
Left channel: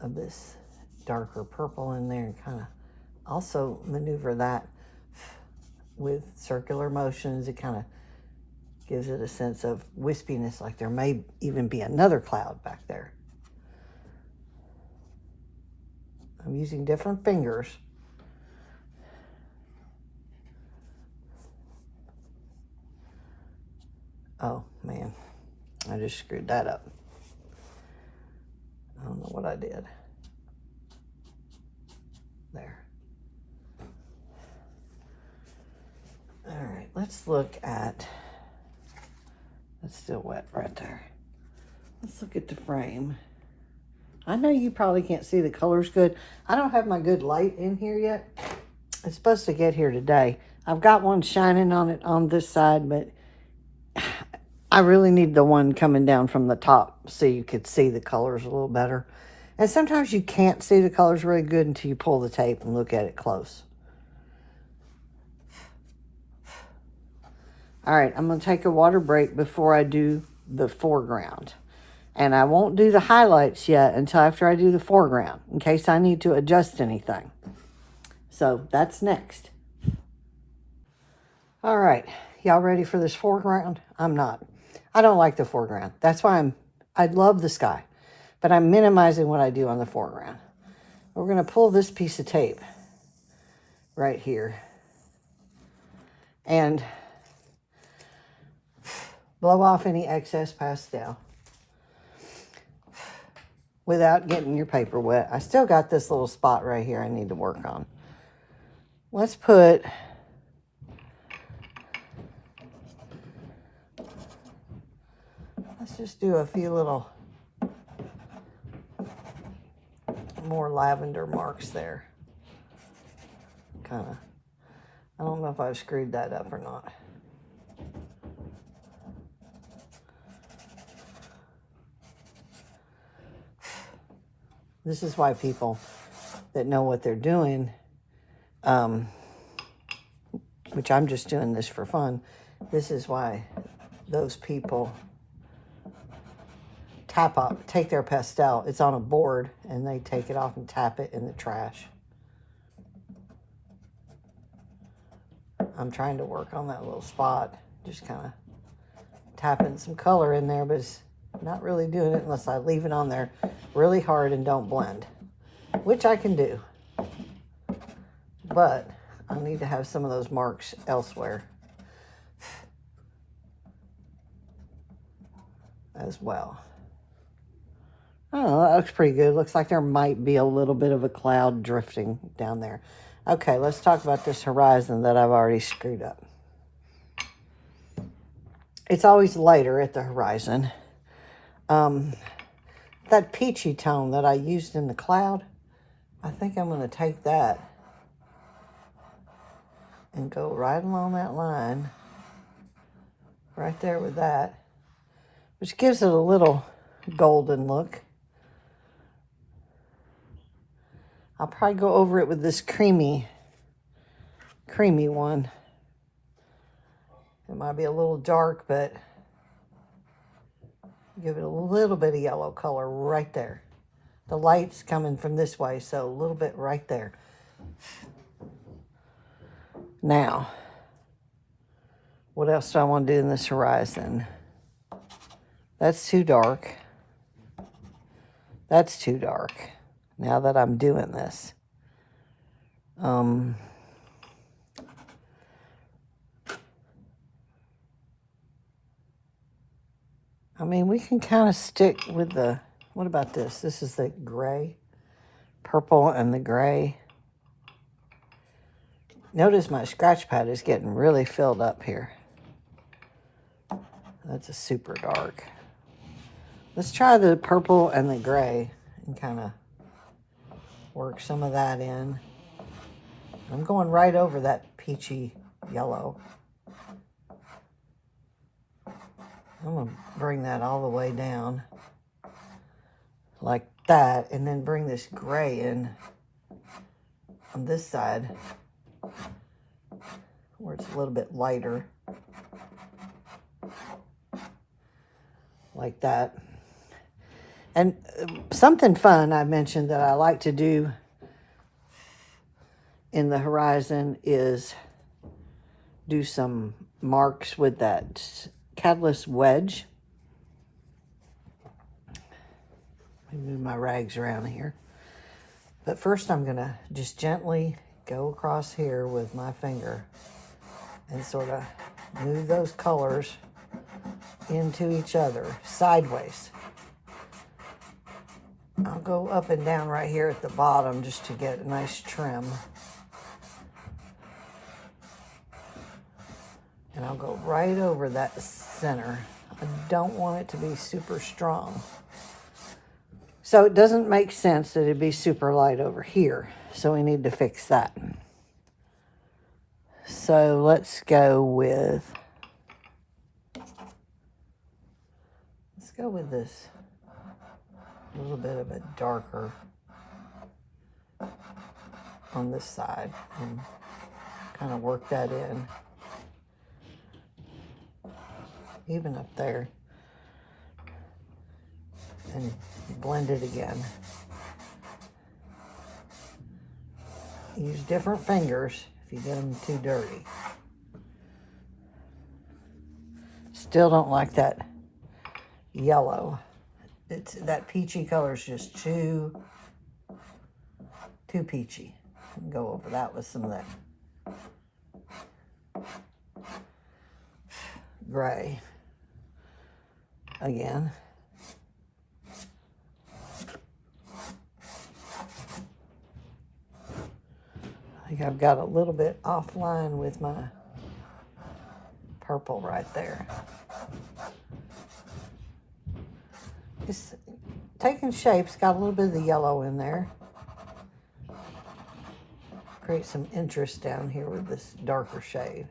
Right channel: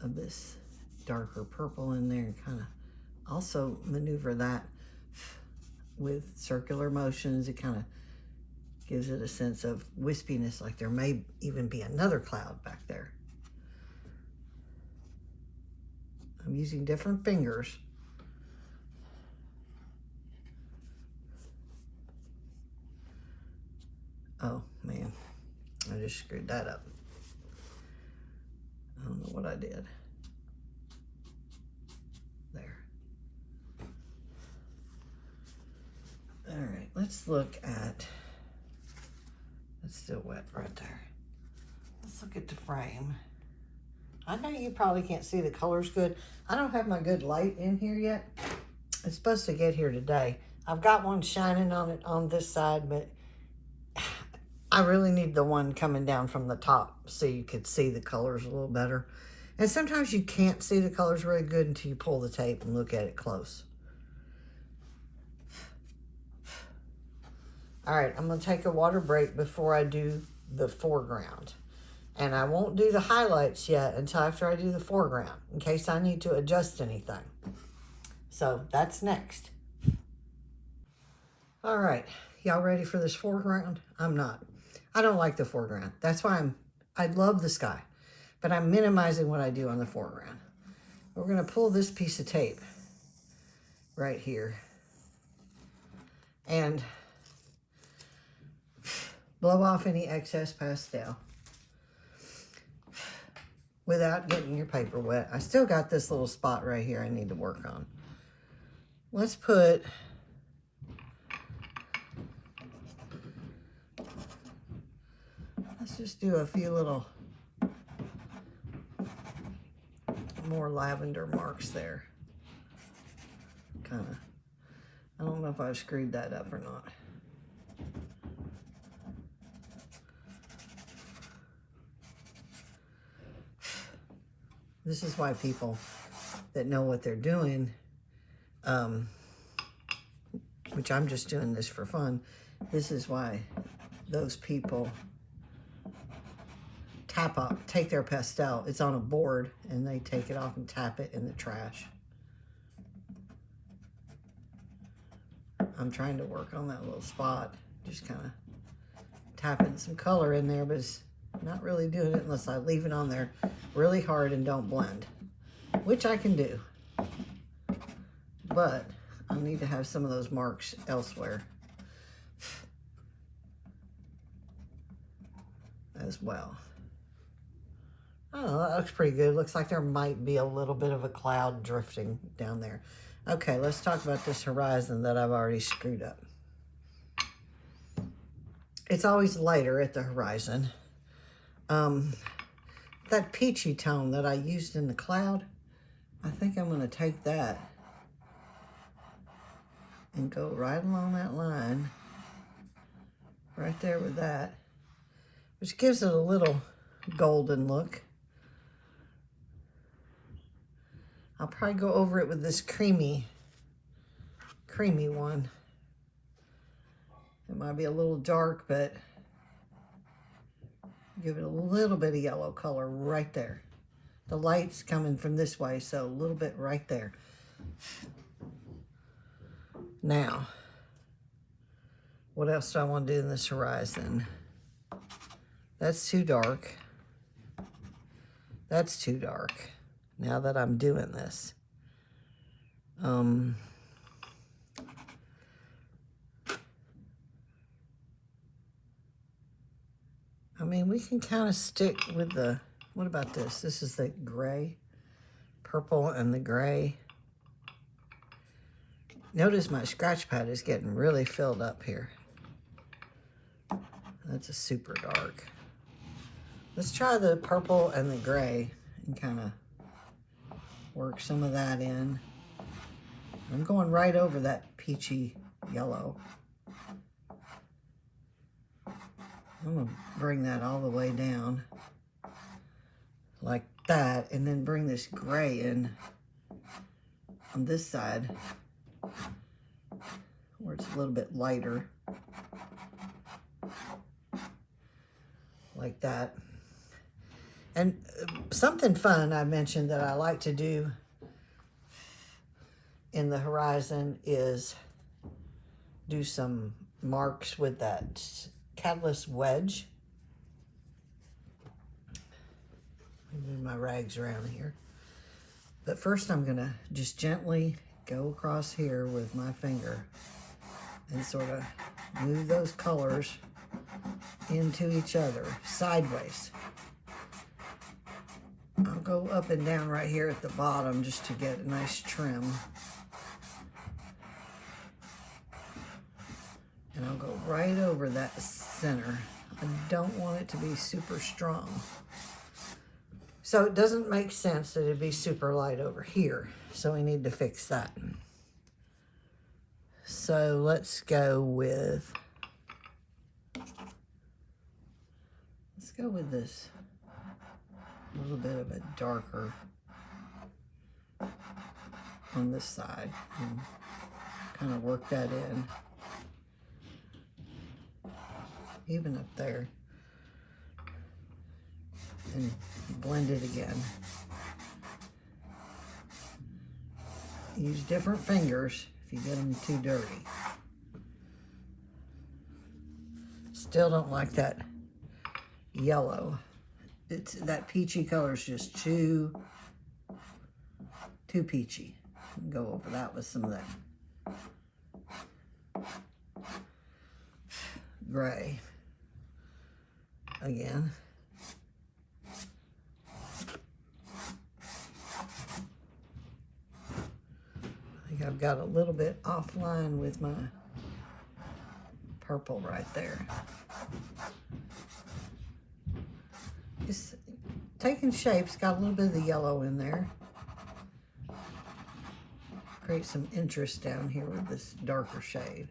of this darker purple in there and kind of also maneuver that with circular motions. It kind of gives it a sense of wispiness, like there may even be another cloud back there. I'm using different fingers. Oh man, I just screwed that up. I don't know what I did. There. All right, let's look at, that's still wet right there. Let's look at the frame. I know you probably can't see the colors good. I don't have my good light in here yet. It's supposed to get here today. I've got one shining on it on this side, but I really need the one coming down from the top so you could see the colors a little better. And sometimes you can't see the colors really good until you pull the tape and look at it close. All right, I'm gonna take a water break before I do the foreground. And I won't do the highlights yet until after I do the foreground, in case I need to adjust anything. So that's next. All right, y'all ready for this foreground? I'm not. I don't like the foreground. That's why I love the sky, but I'm minimizing what I do on the foreground. We're gonna pull this piece of tape right here and blow off any excess pastel without getting your paper wet. I still got this little spot right here I need to work on. Let's just do a few little more lavender marks there. Kind of. I don't know if I've screwed that up or not. This is why people that know what they're doing, which I'm just doing this for fun, this is why those people take their pastel, it's on a board, and they take it off and tap it in the trash. I'm trying to work on that little spot, just kind of tapping some color in there, but it's not really doing it unless I leave it on there really hard and don't blend, which I can do. But I need to have some of those marks elsewhere as well. Oh, that looks pretty good. Looks like there might be a little bit of a cloud drifting down there. Okay, let's talk about this horizon that I've already screwed up. It's always lighter at the horizon. That peachy tone that I used in the cloud, I think I'm going to take that and go right along that line, right there with that, which gives it a little golden look. I'll probably go over it with this creamy one. It might be a little dark, but give it a little bit of yellow color right there. The light's coming from this way, so a little bit right there. Now, what else do I want to do in this horizon? That's too dark. That's too dark. Now that I'm doing this. I mean, we can kind of stick with the, what about this? This is the gray, purple and the gray. Notice my scratch pad is getting really filled up here. That's a super dark. Let's try the purple and the gray and kind of work some of that in. I'm going right over that peachy yellow. I'm going to bring that all the way down like that, and then bring this gray in on this side where it's a little bit lighter, like that. And something fun I mentioned that I like to do in the horizon is do some marks with that catalyst wedge. Let me move my rags around here. But first I'm gonna just gently go across here with my finger and sort of move those colors into each other sideways. I'll go up and down right here at the bottom just to get a nice trim. And I'll go right over that center. I don't want it to be super strong. So it doesn't make sense that it'd be super light over here. So we need to fix that. So let's go with this. A little bit of a darker on this side and kind of work that in. Even up there. And blend it again. Use different fingers if you get them too dirty. still don't like that yellow. That peachy color is just too peachy. Go over that with some of that gray again. I think I've got a little bit offline with my purple right there. It's taking shapes, got a little bit of the yellow in there. Create some interest down here with this darker shade.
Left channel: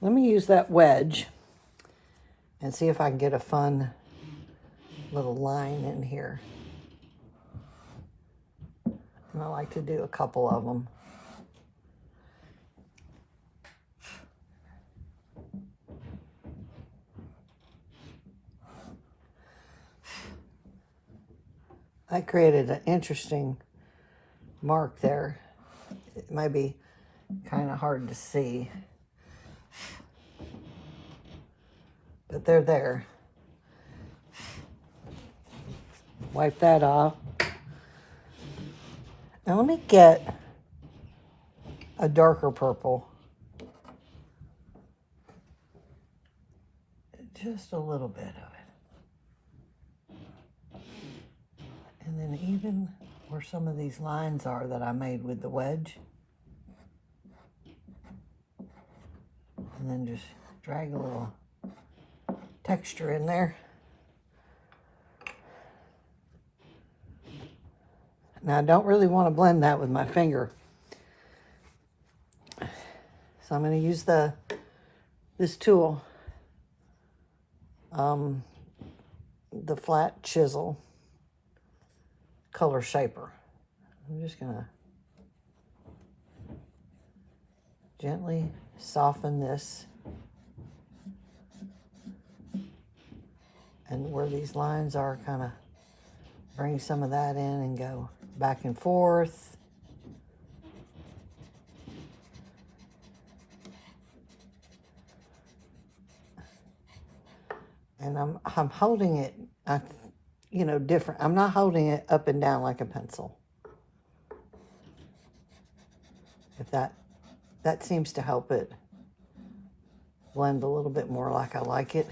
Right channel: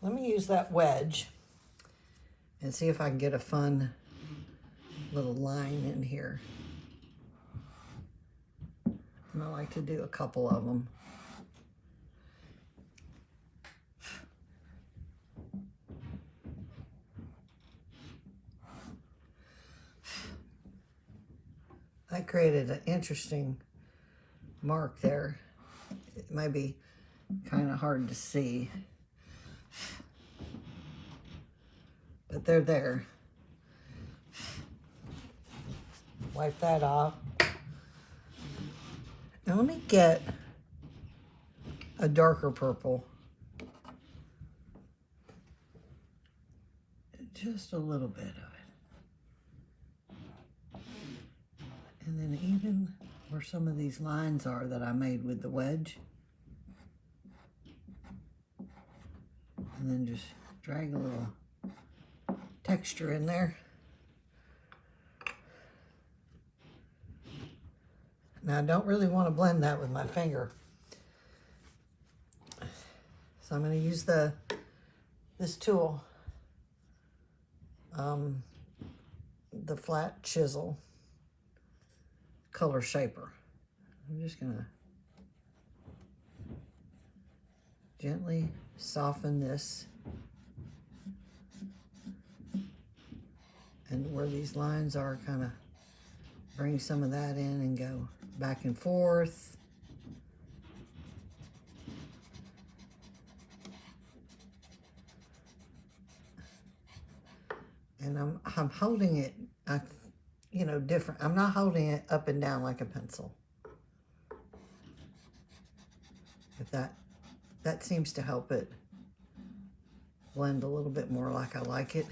Let me use that wedge and see if I can get a fun little line in here. And I like to do a couple of them. I created an interesting mark there. It might be kind of hard to see, but they're there. Wipe that off. Now let me get a darker purple. Just a little bit of it. And then even where some of these lines are that I made with the wedge. And then just drag a little texture in there. Now I don't really want to blend that with my finger. So I'm going to use this tool, the flat chisel color shaper. I'm just going to gently soften this. And where these lines are, kind of bring some of that in and go back and forth. And I'm holding it, you know, different. I'm not holding it up and down like a pencil. If that seems to help it blend a little bit more like I like it.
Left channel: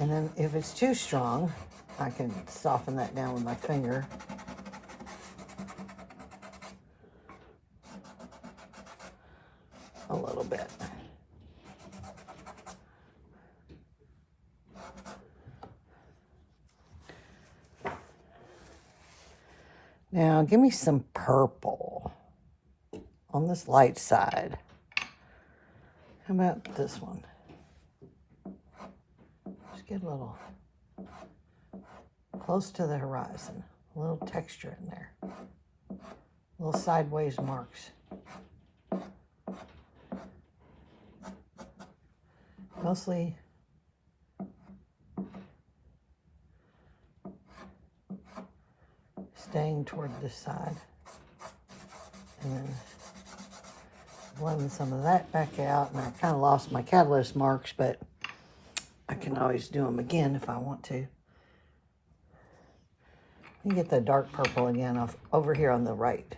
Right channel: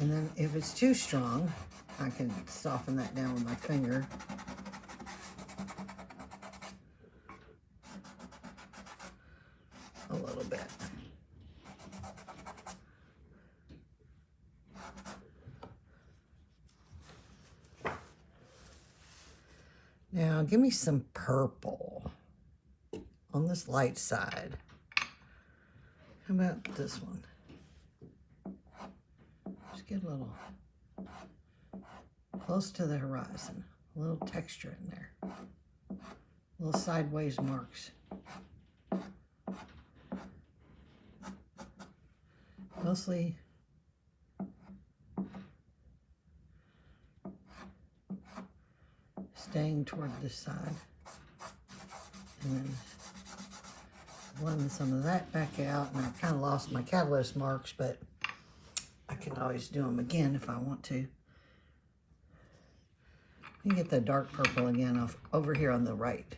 And then if it's too strong, I can soften that down with my finger. A little bit. Now give me some purple on this light side. How about this one? Get a little close to the horizon, a little texture in there, little sideways marks. Mostly staying toward this side, and then blend some of that back out. And I kind of lost my catalyst marks, but I can always do them again if I want to. Let me get the dark purple again off over here on the right.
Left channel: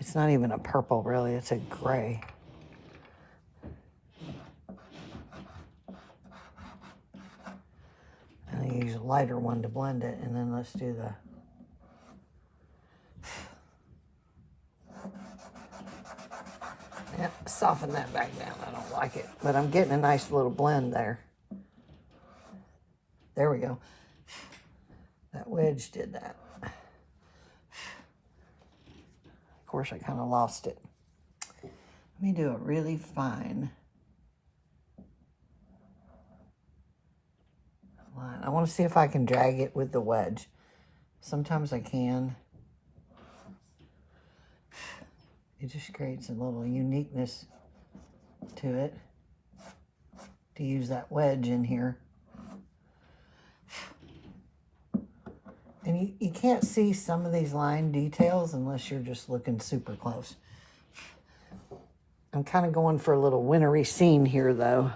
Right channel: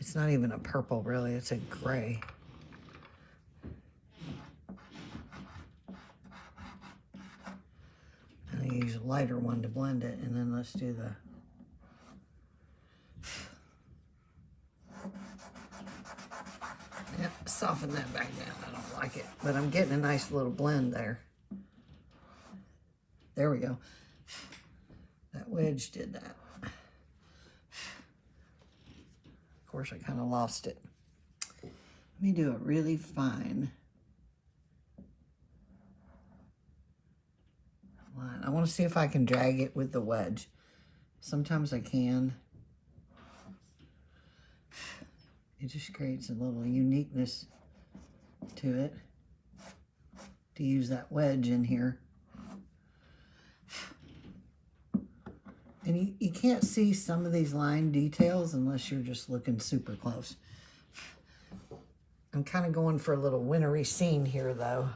It's not even a purple really, it's a gray. I'm gonna use a lighter one to blend it, and then let's do the soften that back down. I don't like it, but I'm getting a nice little blend there. There we go. That wedge did that. Of course, I kind of lost it. Let me do a really fine line. I want to see if I can drag it with the wedge. Sometimes I can. It just creates a little uniqueness to it to use that wedge in here. can't see some of these line details unless you're just looking super close. I'm kind of going for a little wintry scene here, though.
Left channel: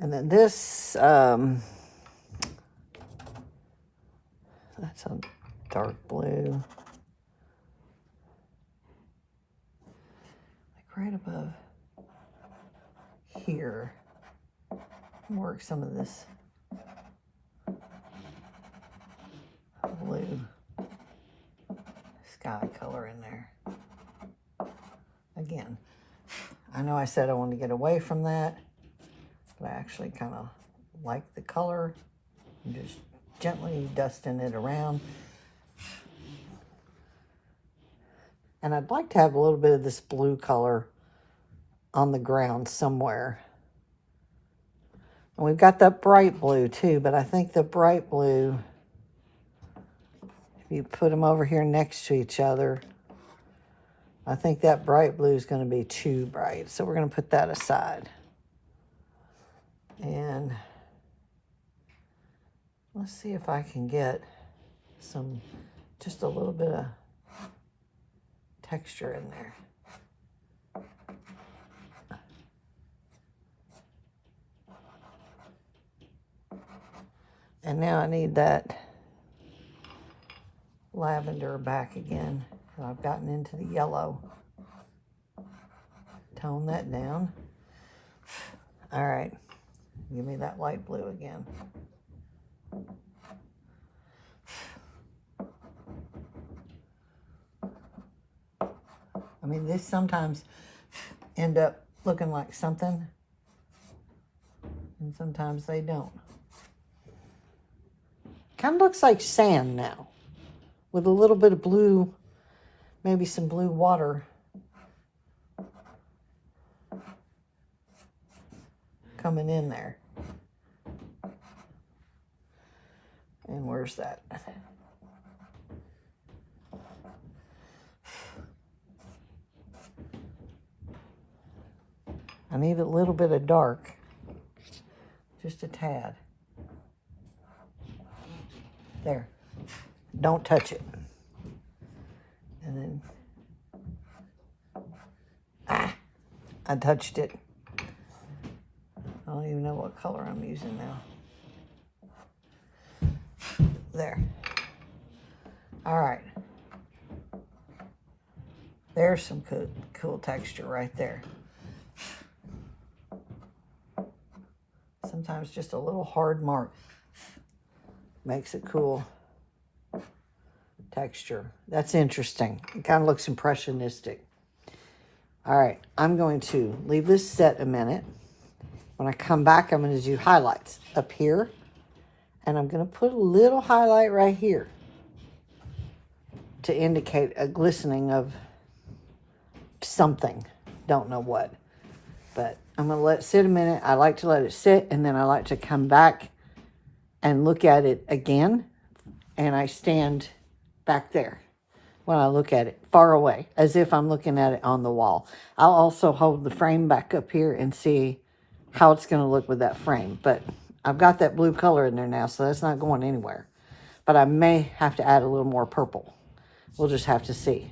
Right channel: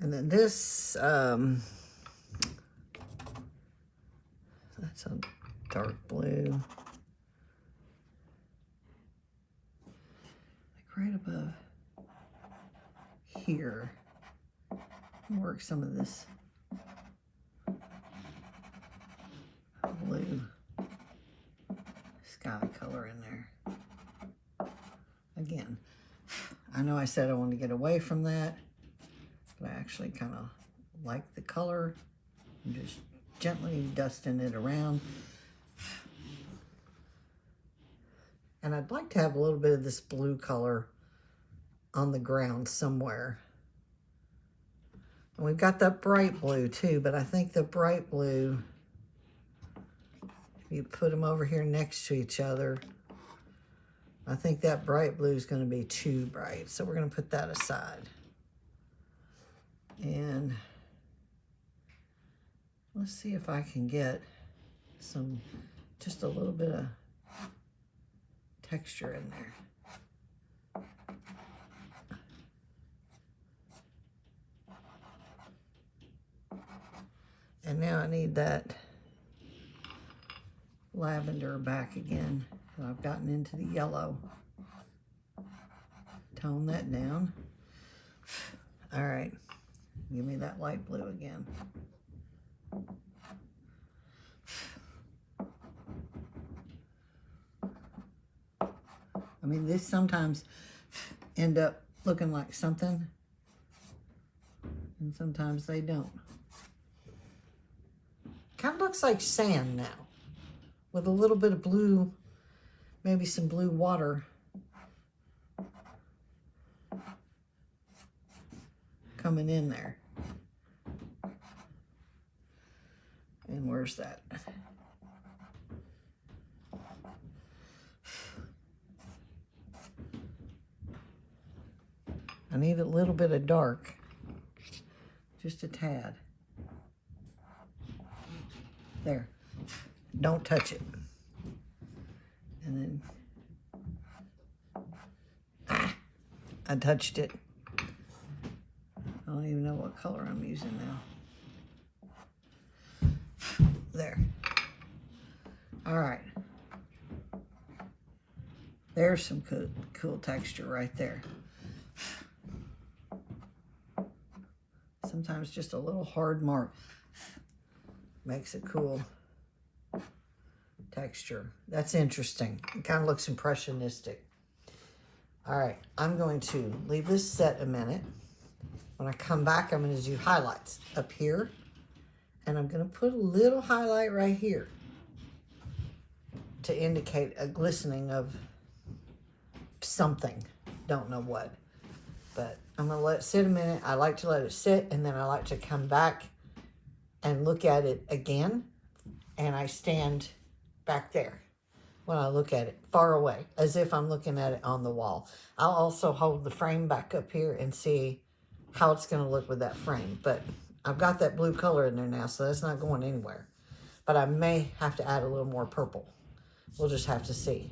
And then this, that's a dark blue. Like right above here. Work some of this blue sky color in there. Again, I know I said I wanted to get away from that, but I actually kind of like the color. I'm just gently dusting it around. And I'd like to have a little bit of this blue color on the ground somewhere. And we've got that bright blue too, but I think the bright blue, if you put them over here next to each other, I think that bright blue is going to be too bright. So we're going to put that aside. And let's see if I can get some, just a little bit of texture in there. And now I need that lavender back again. I've gotten into the yellow. Tone that down. All right, give me that light blue again. I mean, this sometimes end up looking like something, and sometimes they don't. Kind of looks like sand now, with a little bit of blue, maybe some blue water coming in there. And where's that? I need a little bit of dark, just a tad. There, don't touch it. And then, I touched it. I don't even know what color I'm using now. There. All right. There's some cool texture right there. Sometimes just a little hard mark makes a cool texture. That's interesting. It kind of looks impressionistic. All right, I'm going to leave this set a minute. When I come back, I'm going to do highlights up here, and I'm going to put a little highlight right here to indicate a glistening of something. Don't know what, but I'm going to let it sit a minute. I like to let it sit, and then I like to come back and look at it again, and I stand back there when I look at it, far away, as if I'm looking at it on the wall. I'll also hold the frame back up here and see how it's going to look with that frame, but I've got that blue color in there now, so that's not going anywhere. But I may have to add a little more purple. We'll just have to see.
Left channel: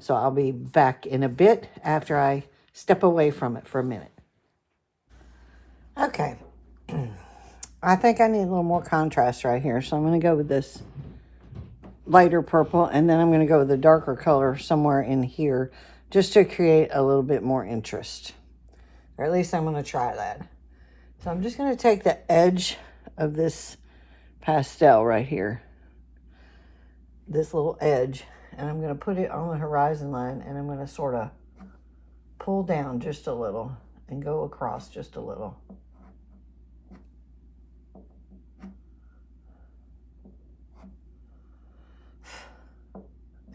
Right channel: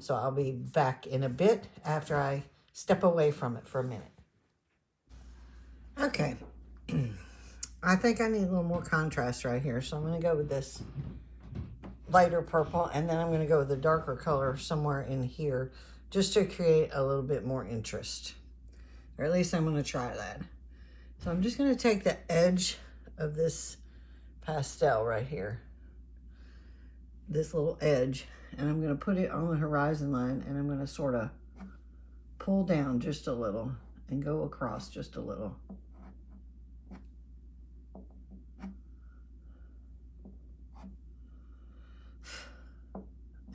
So I'll be back in a bit after I step away from it for a minute. Okay. I think I need a little more contrast right here, so I'm going to go with this lighter purple, and then I'm going to go with a darker color somewhere in here just to create a little bit more interest. Or at least I'm going to try that. So I'm just going to take the edge of this pastel right here, this little edge, and I'm going to put it on the horizon line, and I'm going to sort of pull down just a little and go across just a little.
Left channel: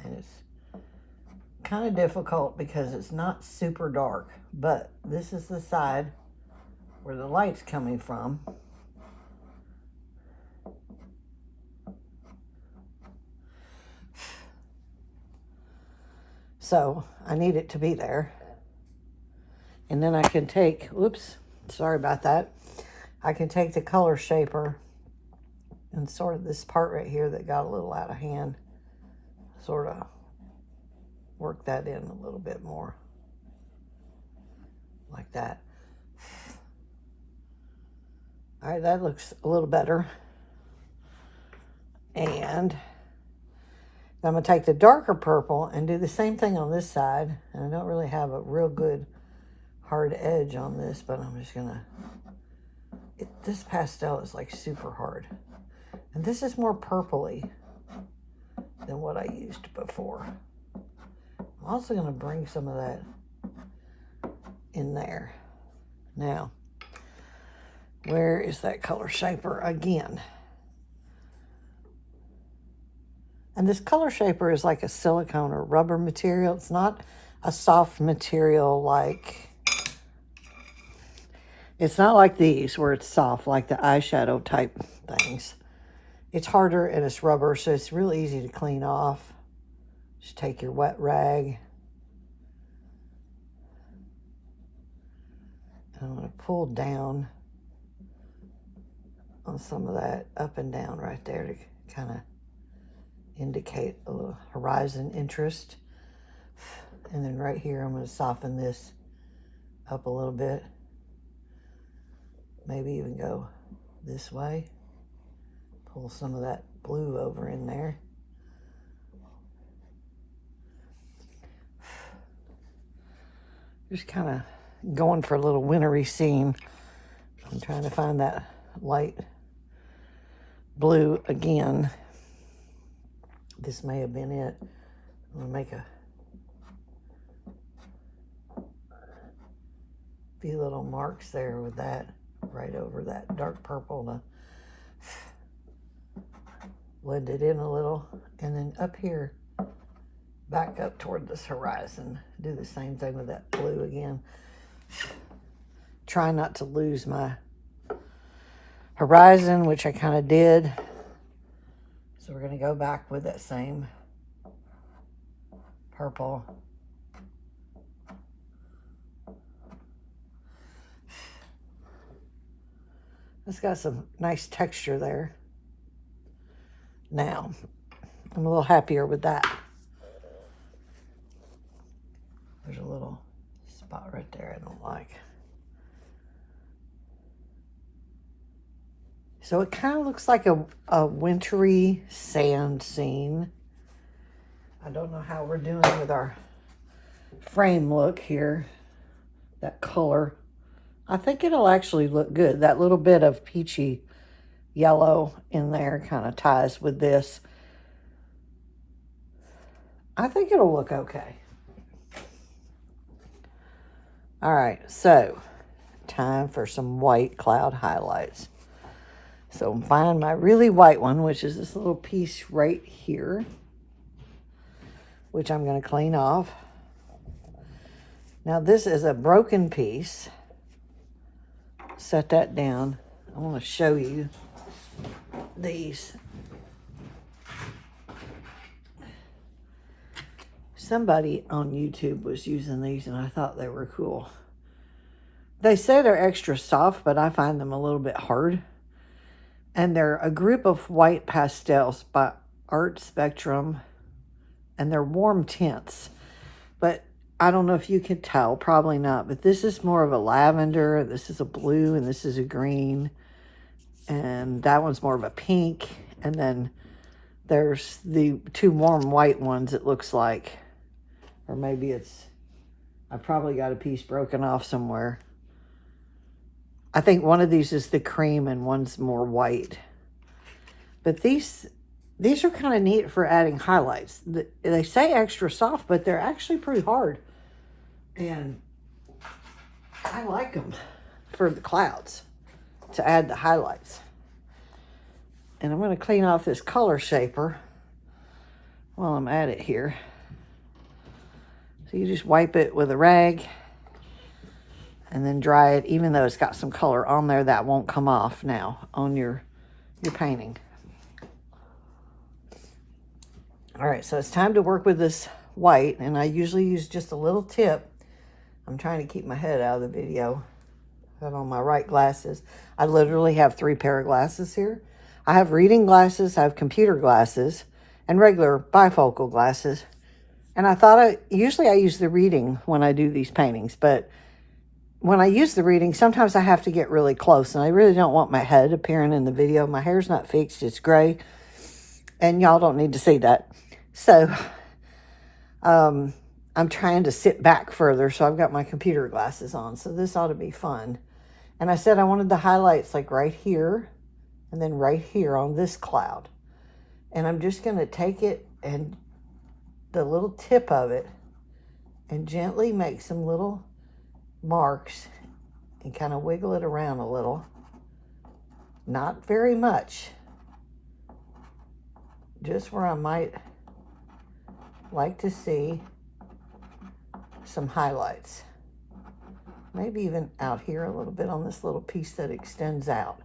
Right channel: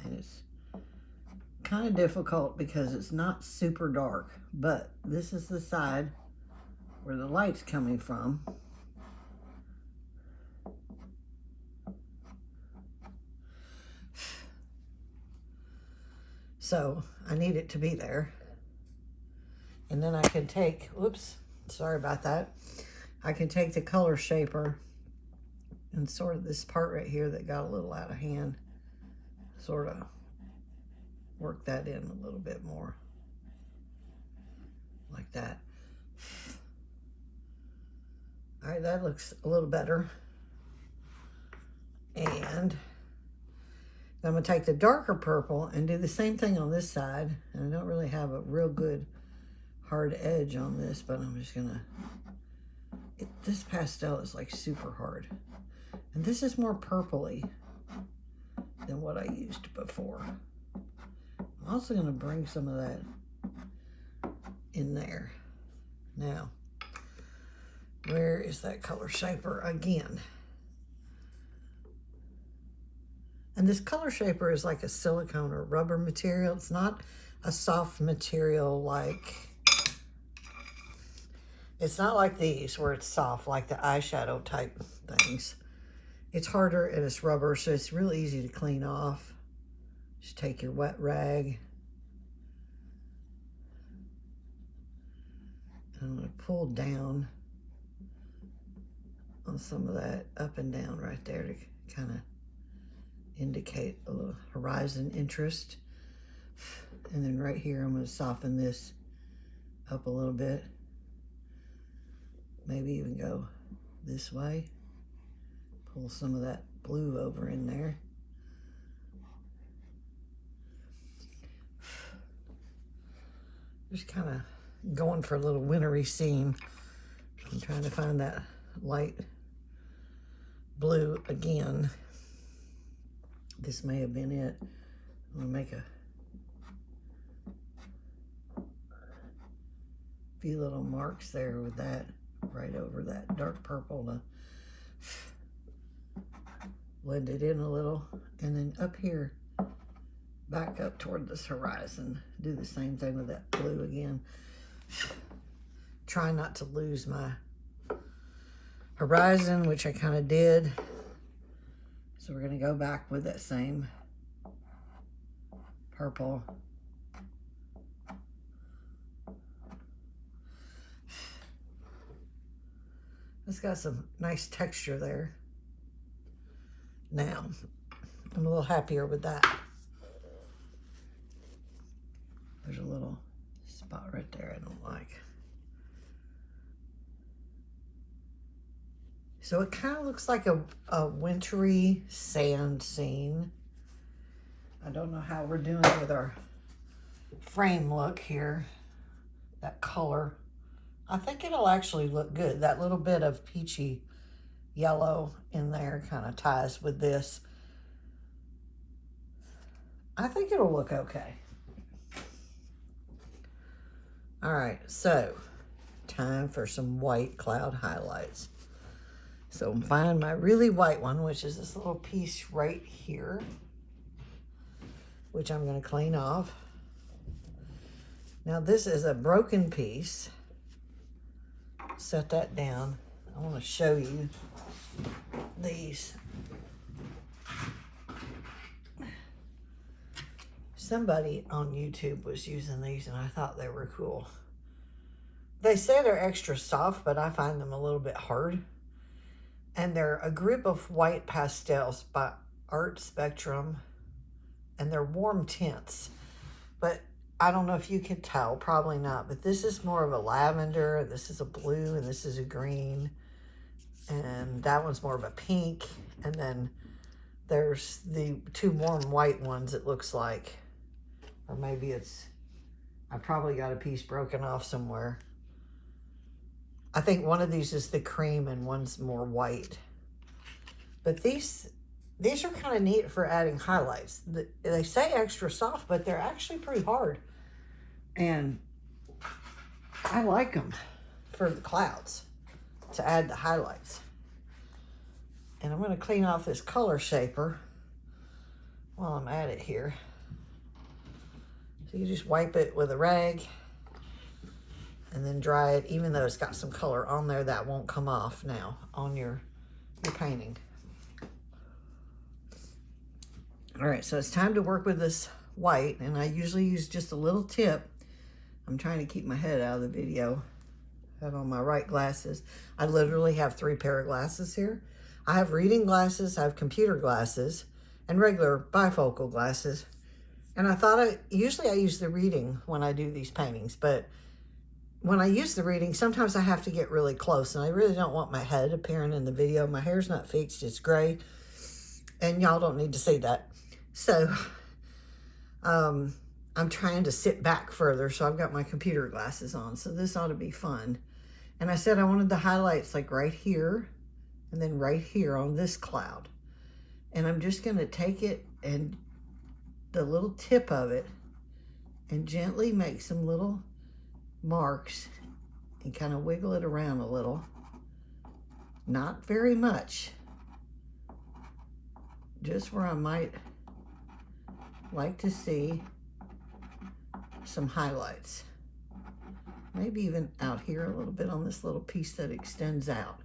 And it's kind of difficult because it's not super dark, but this is the side where the light's coming from. So I need it to be there. And then I can take, whoops, sorry about that. I can take the color shaper and sort of this part right here that got a little out of hand, sort of work that in a little bit more, like that. All right, that looks a little better. And I'm gonna take the darker purple and do the same thing on this side. And I don't really have a real good hard edge on this, but I'm just gonna, this pastel is like super hard. And this is more purpley than what I used before. I'm also gonna bring some of that in there. Now, where is that color shaper again? And this color shaper is like a silicone or rubber material. It's not a soft material like, it's not like these where it's soft like the eyeshadow type things. It's harder and it's rubber, so it's really easy to clean off. Just take your wet rag. And I'm gonna pull down on some of that up and down right there to kind of indicate a little horizon interest. And then right here, I'm going to soften this up a little bit. Maybe even go this way. Pull some of that blue over in there. Just kind of going for a little wintry scene. I'm trying to find that light blue again. This may have been it. I'm gonna make a few little marks there with that right over that dark purple to blend it in a little. And then up here, back up toward this horizon, do the same thing with that blue again. Try not to lose my horizon, which I kind of did. So we're gonna go back with that same purple. It's got some nice texture there. Now, I'm a little happier with that. There's a little spot right there I don't like. So it kind of looks like a wintry sand scene. I don't know how we're doing with our frame look here, that color. I think it'll actually look good. That little bit of peachy yellow in there kind of ties with this. I think it'll look okay. All right, so time for some white cloud highlights. So find my really white one, which is this little piece right here, which I'm going to clean off. Now this is a broken piece. Set that down. I want to show you these. Somebody on YouTube was using these and I thought they were cool. They say they're extra soft, but I find them a little bit hard. And they're a group of white pastels by Art Spectrum, and they're warm tints. But I don't know if you can tell, probably not, but this is more of a lavender, this is a blue, and this is a green. And that one's more of a pink. And then there's the two warm white ones, it looks like. Or maybe it's, I probably got a piece broken off somewhere. I think one of these is the cream and one's more white. But these are kind of neat for adding highlights. They say extra soft, but they're actually pretty hard. And I like them for the clouds to add the highlights. And I'm going to clean off this color shaper while I'm at it here. So you just wipe it with a rag and then dry it. Even though it's got some color on there, that won't come off now on your painting. All right, so it's time to work with this white, and I usually use just a little tip. I'm trying to keep my head out of the video. Put on my right glasses. I literally have 3 pair of glasses here. I have reading glasses, I have computer glasses, and regular bifocal glasses. And I thought usually I use the reading when I do these paintings, but when I use the reading, sometimes I have to get really close, and I really don't want my head appearing in the video. My hair's not fixed, it's gray, and y'all don't need to see that. So, I'm trying to sit back further, so I've got my computer glasses on, so this ought to be fun. And I said I wanted the highlights like right here, and then right here on this cloud. And I'm just gonna take it and the little tip of it and gently make some little marks and kind of wiggle it around a little. Not very much. Just where I might like to see some highlights. Maybe even out here a little bit on this little piece that extends out.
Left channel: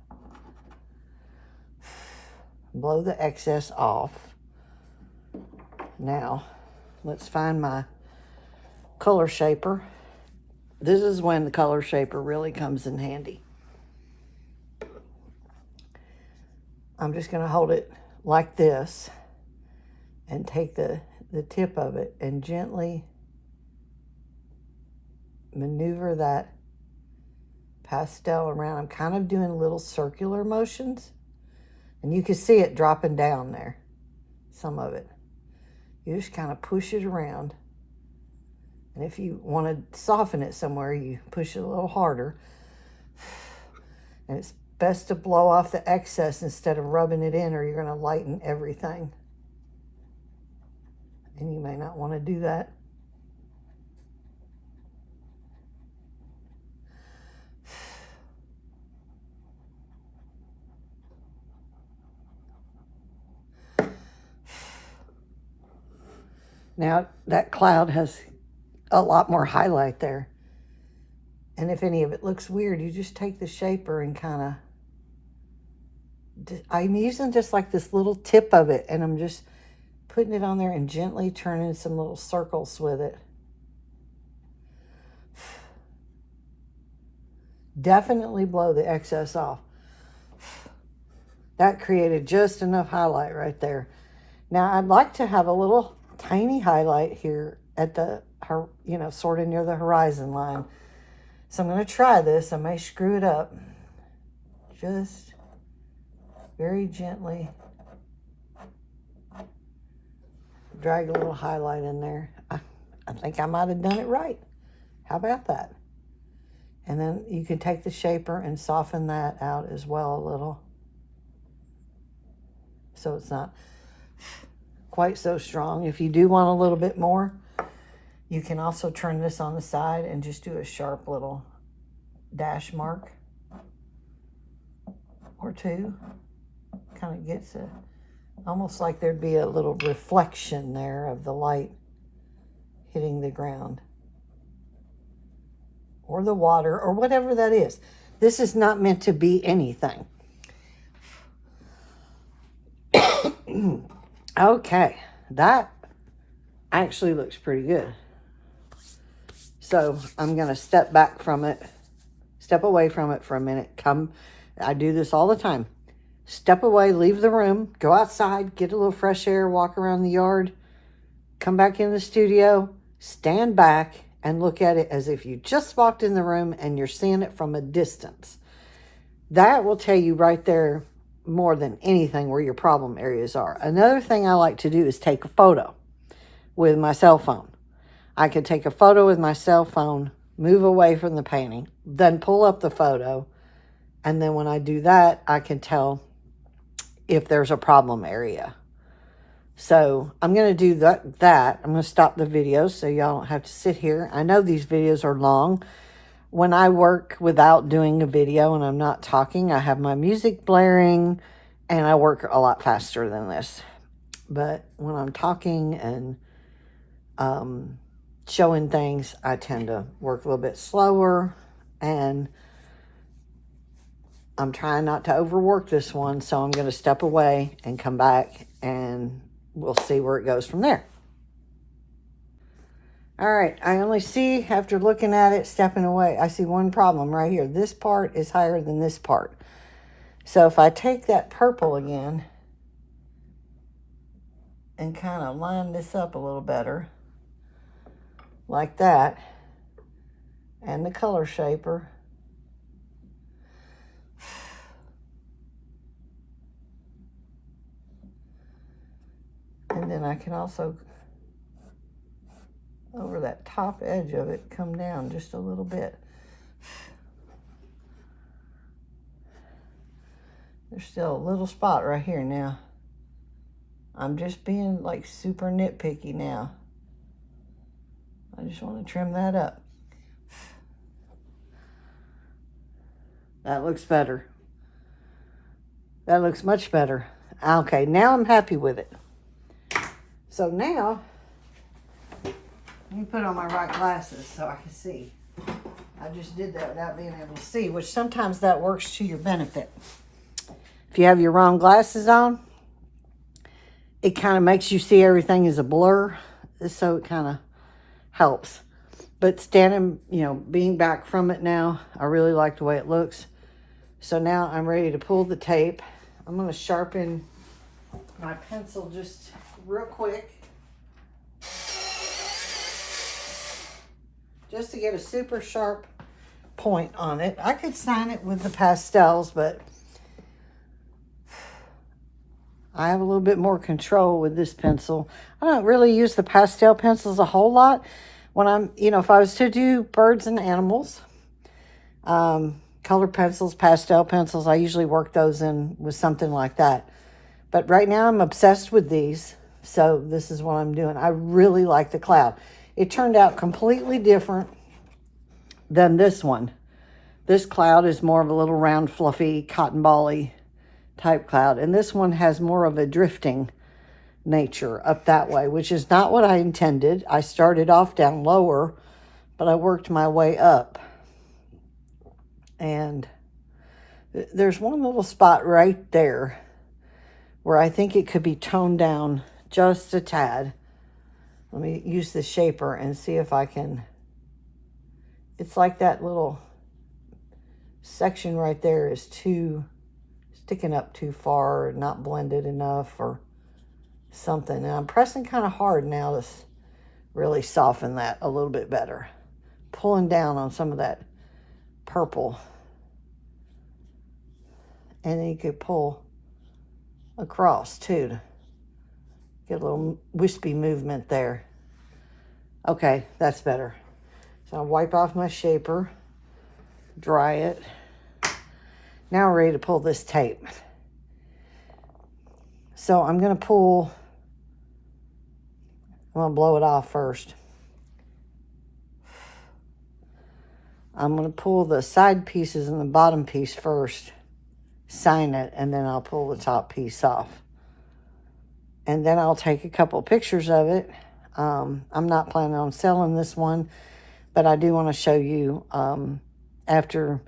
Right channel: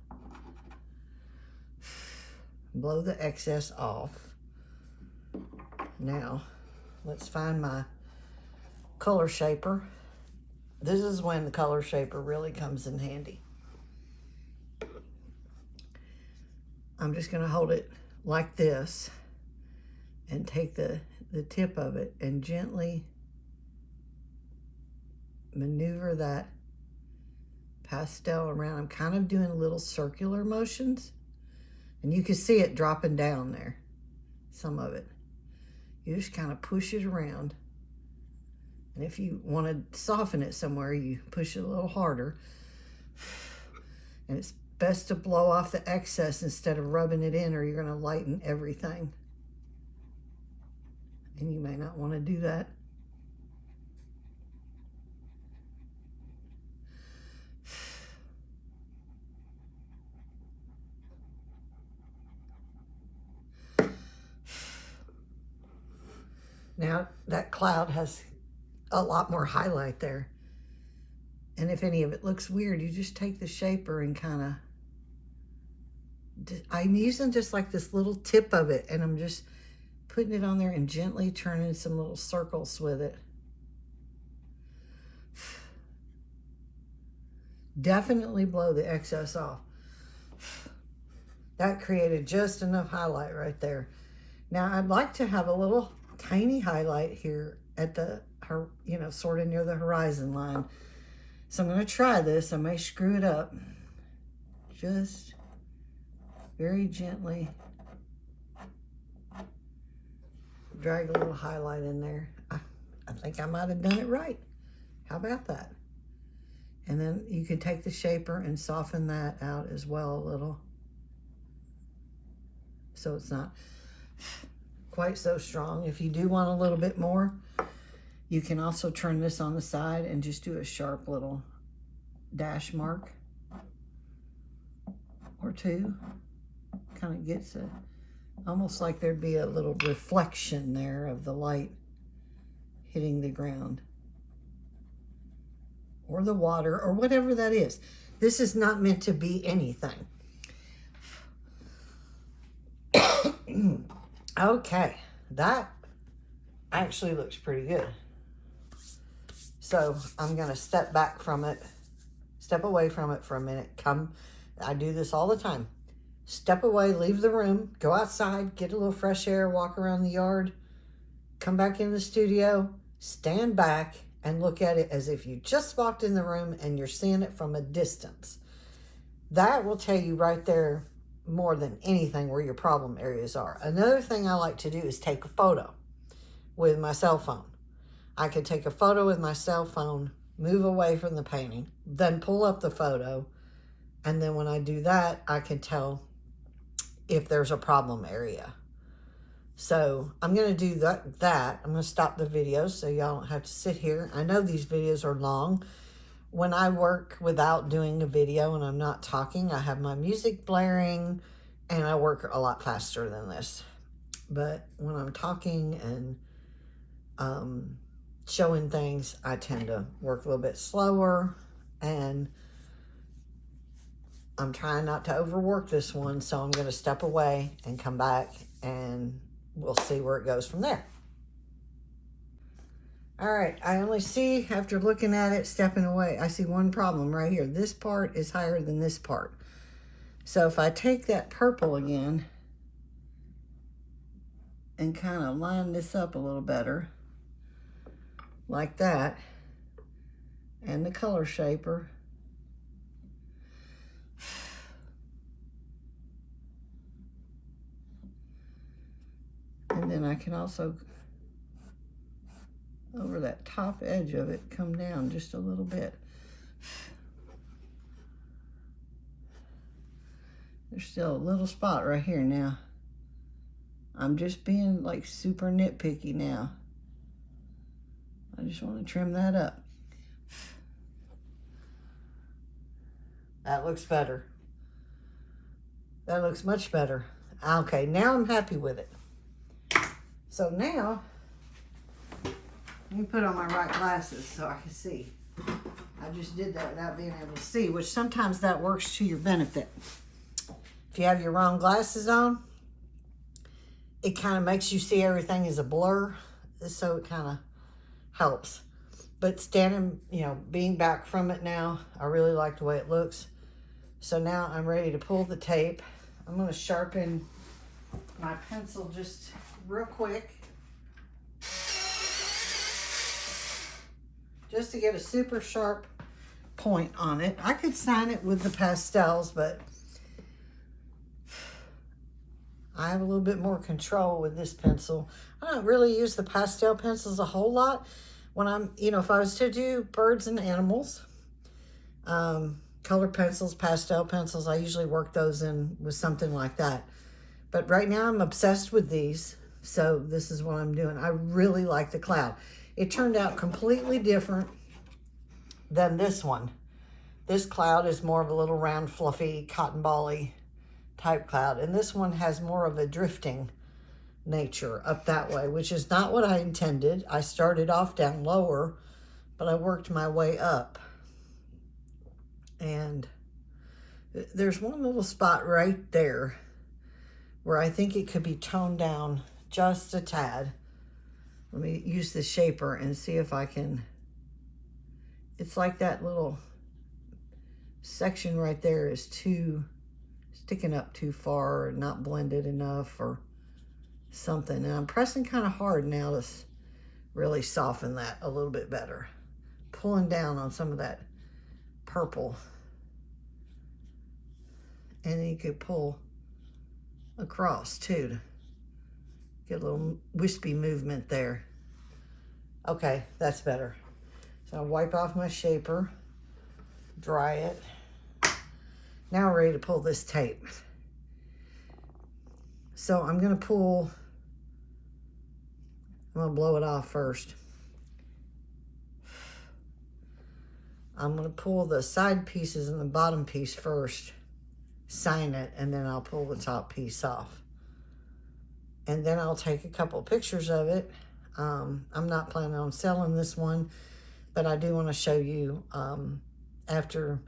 Blow the excess off. Now, let's find my color shaper. This is when the color shaper really comes in handy. I'm just going to hold it like this and take the tip of it and gently maneuver that pastel around. I'm kind of doing little circular motions, and you can see it dropping down there, some of it. You just kind of push it around, and if you want to soften it somewhere, you push it a little harder. And it's best to blow off the excess instead of rubbing it in, or you're going to lighten everything, and you may not want to do that. Now that cloud has a lot more highlight there. And if any of it looks weird, you just take the shaper and kind of, I'm using just like this little tip of it, and I'm just putting it on there and gently turning some little circles with it. Definitely blow the excess off. That created just enough highlight right there. Now I'd like to have a little tiny highlight here at the, sort of near the horizon line. So I'm going to try this. I may screw it up. Just very gently drag a little highlight in there. I think I might have done it right. How about that? And then you can take the shaper and soften that out as well a little, so it's not quite so strong. If you do want a little bit more, you can also turn this on the side and just do a sharp little dash mark or two. Kind of gets it almost like there'd be a little reflection there of the light hitting the ground or the water or whatever that is. This is not meant to be anything. Okay, that actually looks pretty good. So I'm gonna step back from it, step away from it for a minute. I do this all the time. Step away, leave the room, go outside, get a little fresh air, walk around the yard, come back in the studio, stand back and look at it as if you just walked in the room and you're seeing it from a distance. That will tell you right there more than anything where your problem areas are. Another thing I like to do is take a photo with my cell phone. I could take a photo with my cell phone, move away from the painting, then pull up the photo, and then when I do that, I can tell if there's a problem area. So I'm going to do that. I'm going to stop the video so y'all don't have to sit here. I know these videos are long. When I work without doing a video and I'm not talking, I have my music blaring and I work a lot faster than this. But when I'm talking and showing things, I tend to work a little bit slower, and I'm trying not to overwork this one, so I'm going to step away and come back and we'll see where it goes from there. All right, I only see, after looking at it, stepping away, I see one problem right here. This part is higher than this part. So if I take that purple again and kind of line this up a little better, like that, and the color shaper, and then I can also, over that top edge of it, come down just a little bit. There's still a little spot right here now. I'm just being like super nitpicky now. I just want to trim that up. That looks better. That looks much better. Okay, now I'm happy with it. So now, let me put on my right glasses so I can see. I just did that without being able to see, which sometimes that works to your benefit. If you have your wrong glasses on, it kind of makes you see everything as a blur, so it kind of helps. But standing, you know, being back from it now, I really like the way it looks. So now I'm ready to pull the tape. I'm going to sharpen my pencil just real quick, just to get a super sharp point on it. I could sign it with the pastels, but I have a little bit more control with this pencil. I don't really use the pastel pencils a whole lot. When I'm, you know, if I was to do birds and animals, colored pencils, pastel pencils, I usually work those in with something like that. But right now I'm obsessed with these, so this is what I'm doing. I really like the cloud. It turned out completely different than this one. This cloud is more of a little round, fluffy, cotton ball-y type cloud, and this one has more of a drifting nature up that way, which is not what I intended. I started off down lower, but I worked my way up. And there's one little spot right there where I think it could be toned down just a tad. Let me use the shaper and see if I can. It's like that little section right there is too sticking up too far, or not blended enough, or something. And I'm pressing kind of hard now to really soften that a little bit better. Pulling down on some of that purple. And then you could pull across too to get a little wispy movement there. Okay, that's better. So I'll wipe off my shaper, dry it. Now I'm ready to pull this tape. So I'm going to pull, I'm going to blow it off first. I'm going to pull the side pieces and the bottom piece first, sign it, and then I'll pull the top piece off. And then I'll take a couple pictures of it. I'm not planning on selling this one, but I do want to show you after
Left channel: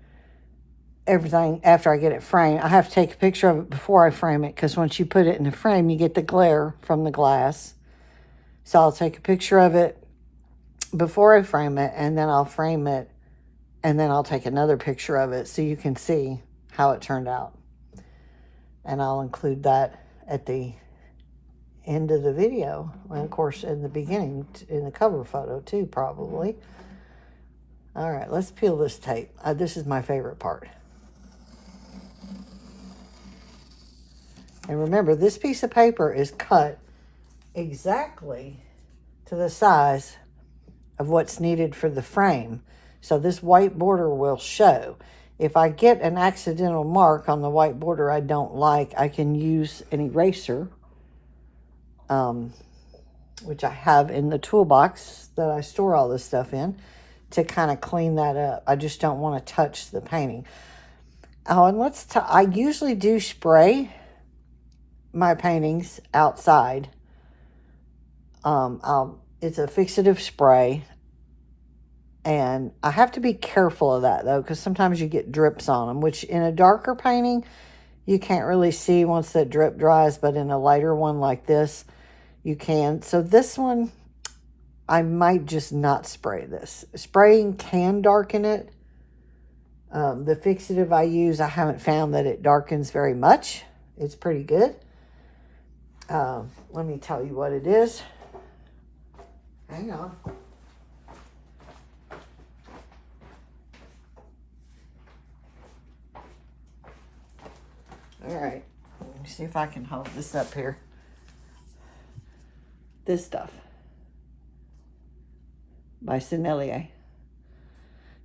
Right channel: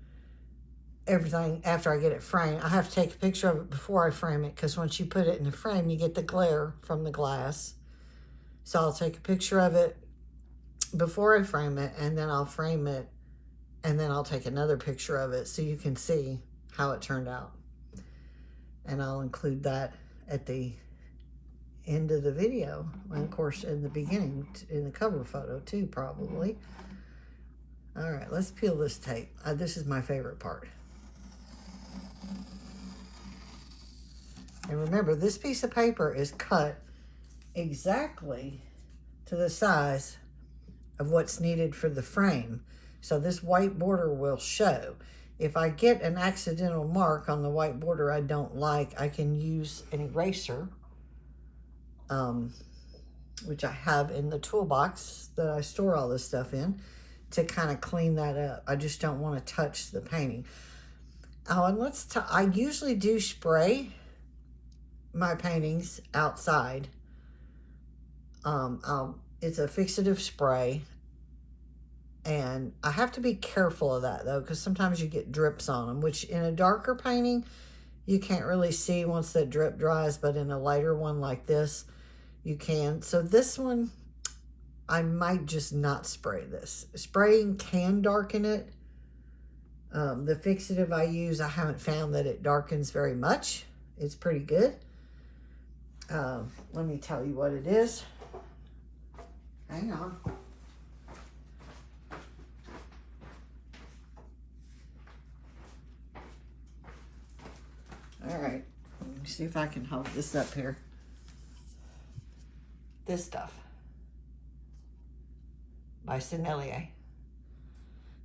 I get it framed. I have to take a picture of it before I frame it, because once you put it in the frame, you get the glare from the glass. So I'll take a picture of it before I frame it, and then I'll frame it, and then I'll take another picture of it so you can see how it turned out. And I'll include that at the end of the video, and of course in the beginning, in the cover photo too, probably. All right, let's peel this tape. This is my favorite part. And remember, this piece of paper is cut exactly to the size of what's needed for the frame. So this white border will show. If I get an accidental mark on the white border I don't like, I can use an eraser, which I have in the toolbox that I store all this stuff in, to kind of clean that up. I just don't want to touch the painting. Oh, and I usually do spray my paintings outside. It's a fixative spray, and I have to be careful of that though, because sometimes you get drips on them, which in a darker painting you can't really see once that drip dries, but in a lighter one like this you can. So this one, I might just not spray this. Spraying can darken it. The fixative I use, I haven't found that it darkens very much. It's pretty good. Let me tell you what it is. Hang on. All right, let me see if I can hold this up here. This stuff by Sennelier.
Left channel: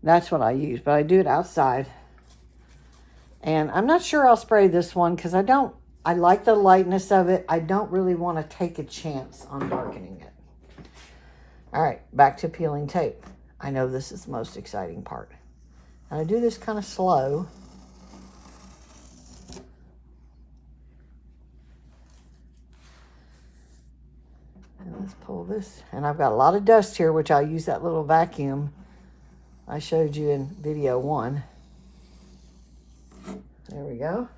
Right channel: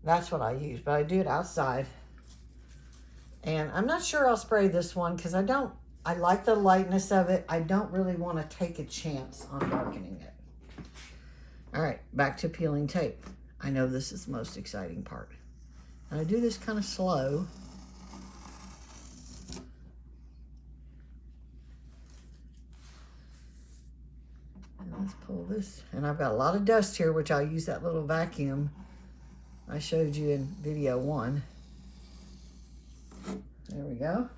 That's what I use, but I do it outside. And I'm not sure I'll spray this one because I like the lightness of it. I don't really want to take a chance on darkening it. All right, back to peeling tape. I know this is the most exciting part. And I do this kind of slow. And let's pull this. And I've got a lot of dust here, which I'll use that little vacuum I showed you in video 1. There we go.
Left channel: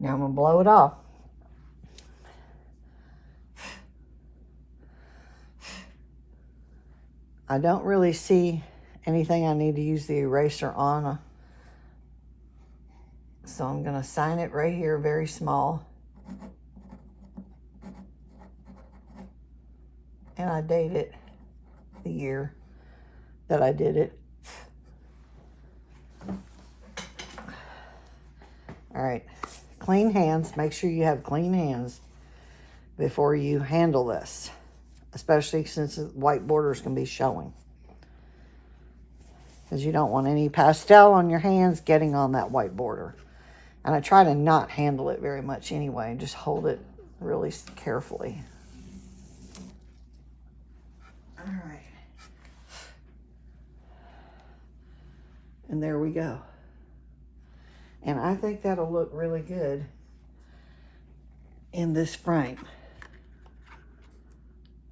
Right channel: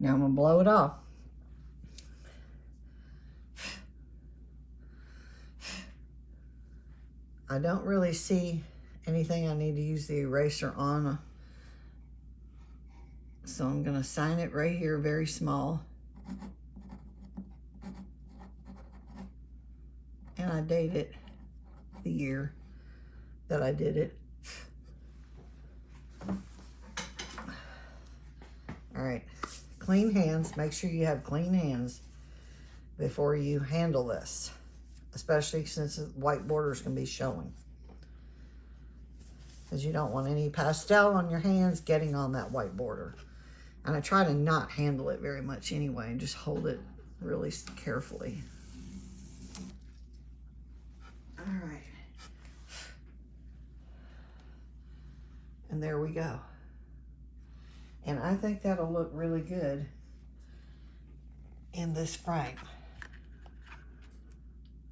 Now I'm going to blow it off. I don't really see anything I need to use the eraser on. So I'm going to sign it right here very small. And I date it the year that I did it. All right, clean hands. Make sure you have clean hands before you handle this, especially since white borders can be showing, because you don't want any pastel on your hands getting on that white border. And I try to not handle it very much anyway, and just hold it really carefully. All right. And there we go. And I think that'll look really good in this frame.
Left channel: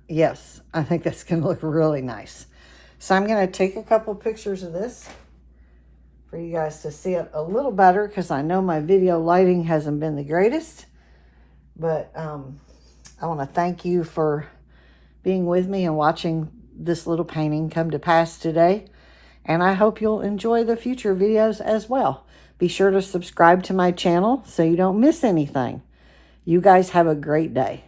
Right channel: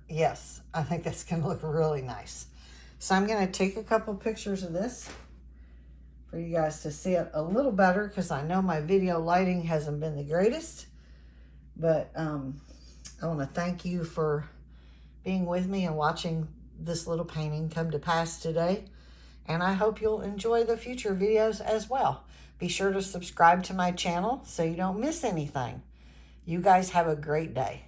Yes, I think that's gonna look really nice. So I'm gonna take a couple pictures of this for you guys to see it a little better, because I know my video lighting hasn't been the greatest. But I wanna thank you for being with me and watching this little painting come to pass today. And I hope you'll enjoy the future videos as well. Be sure to subscribe to my channel so you don't miss anything. You guys have a great day.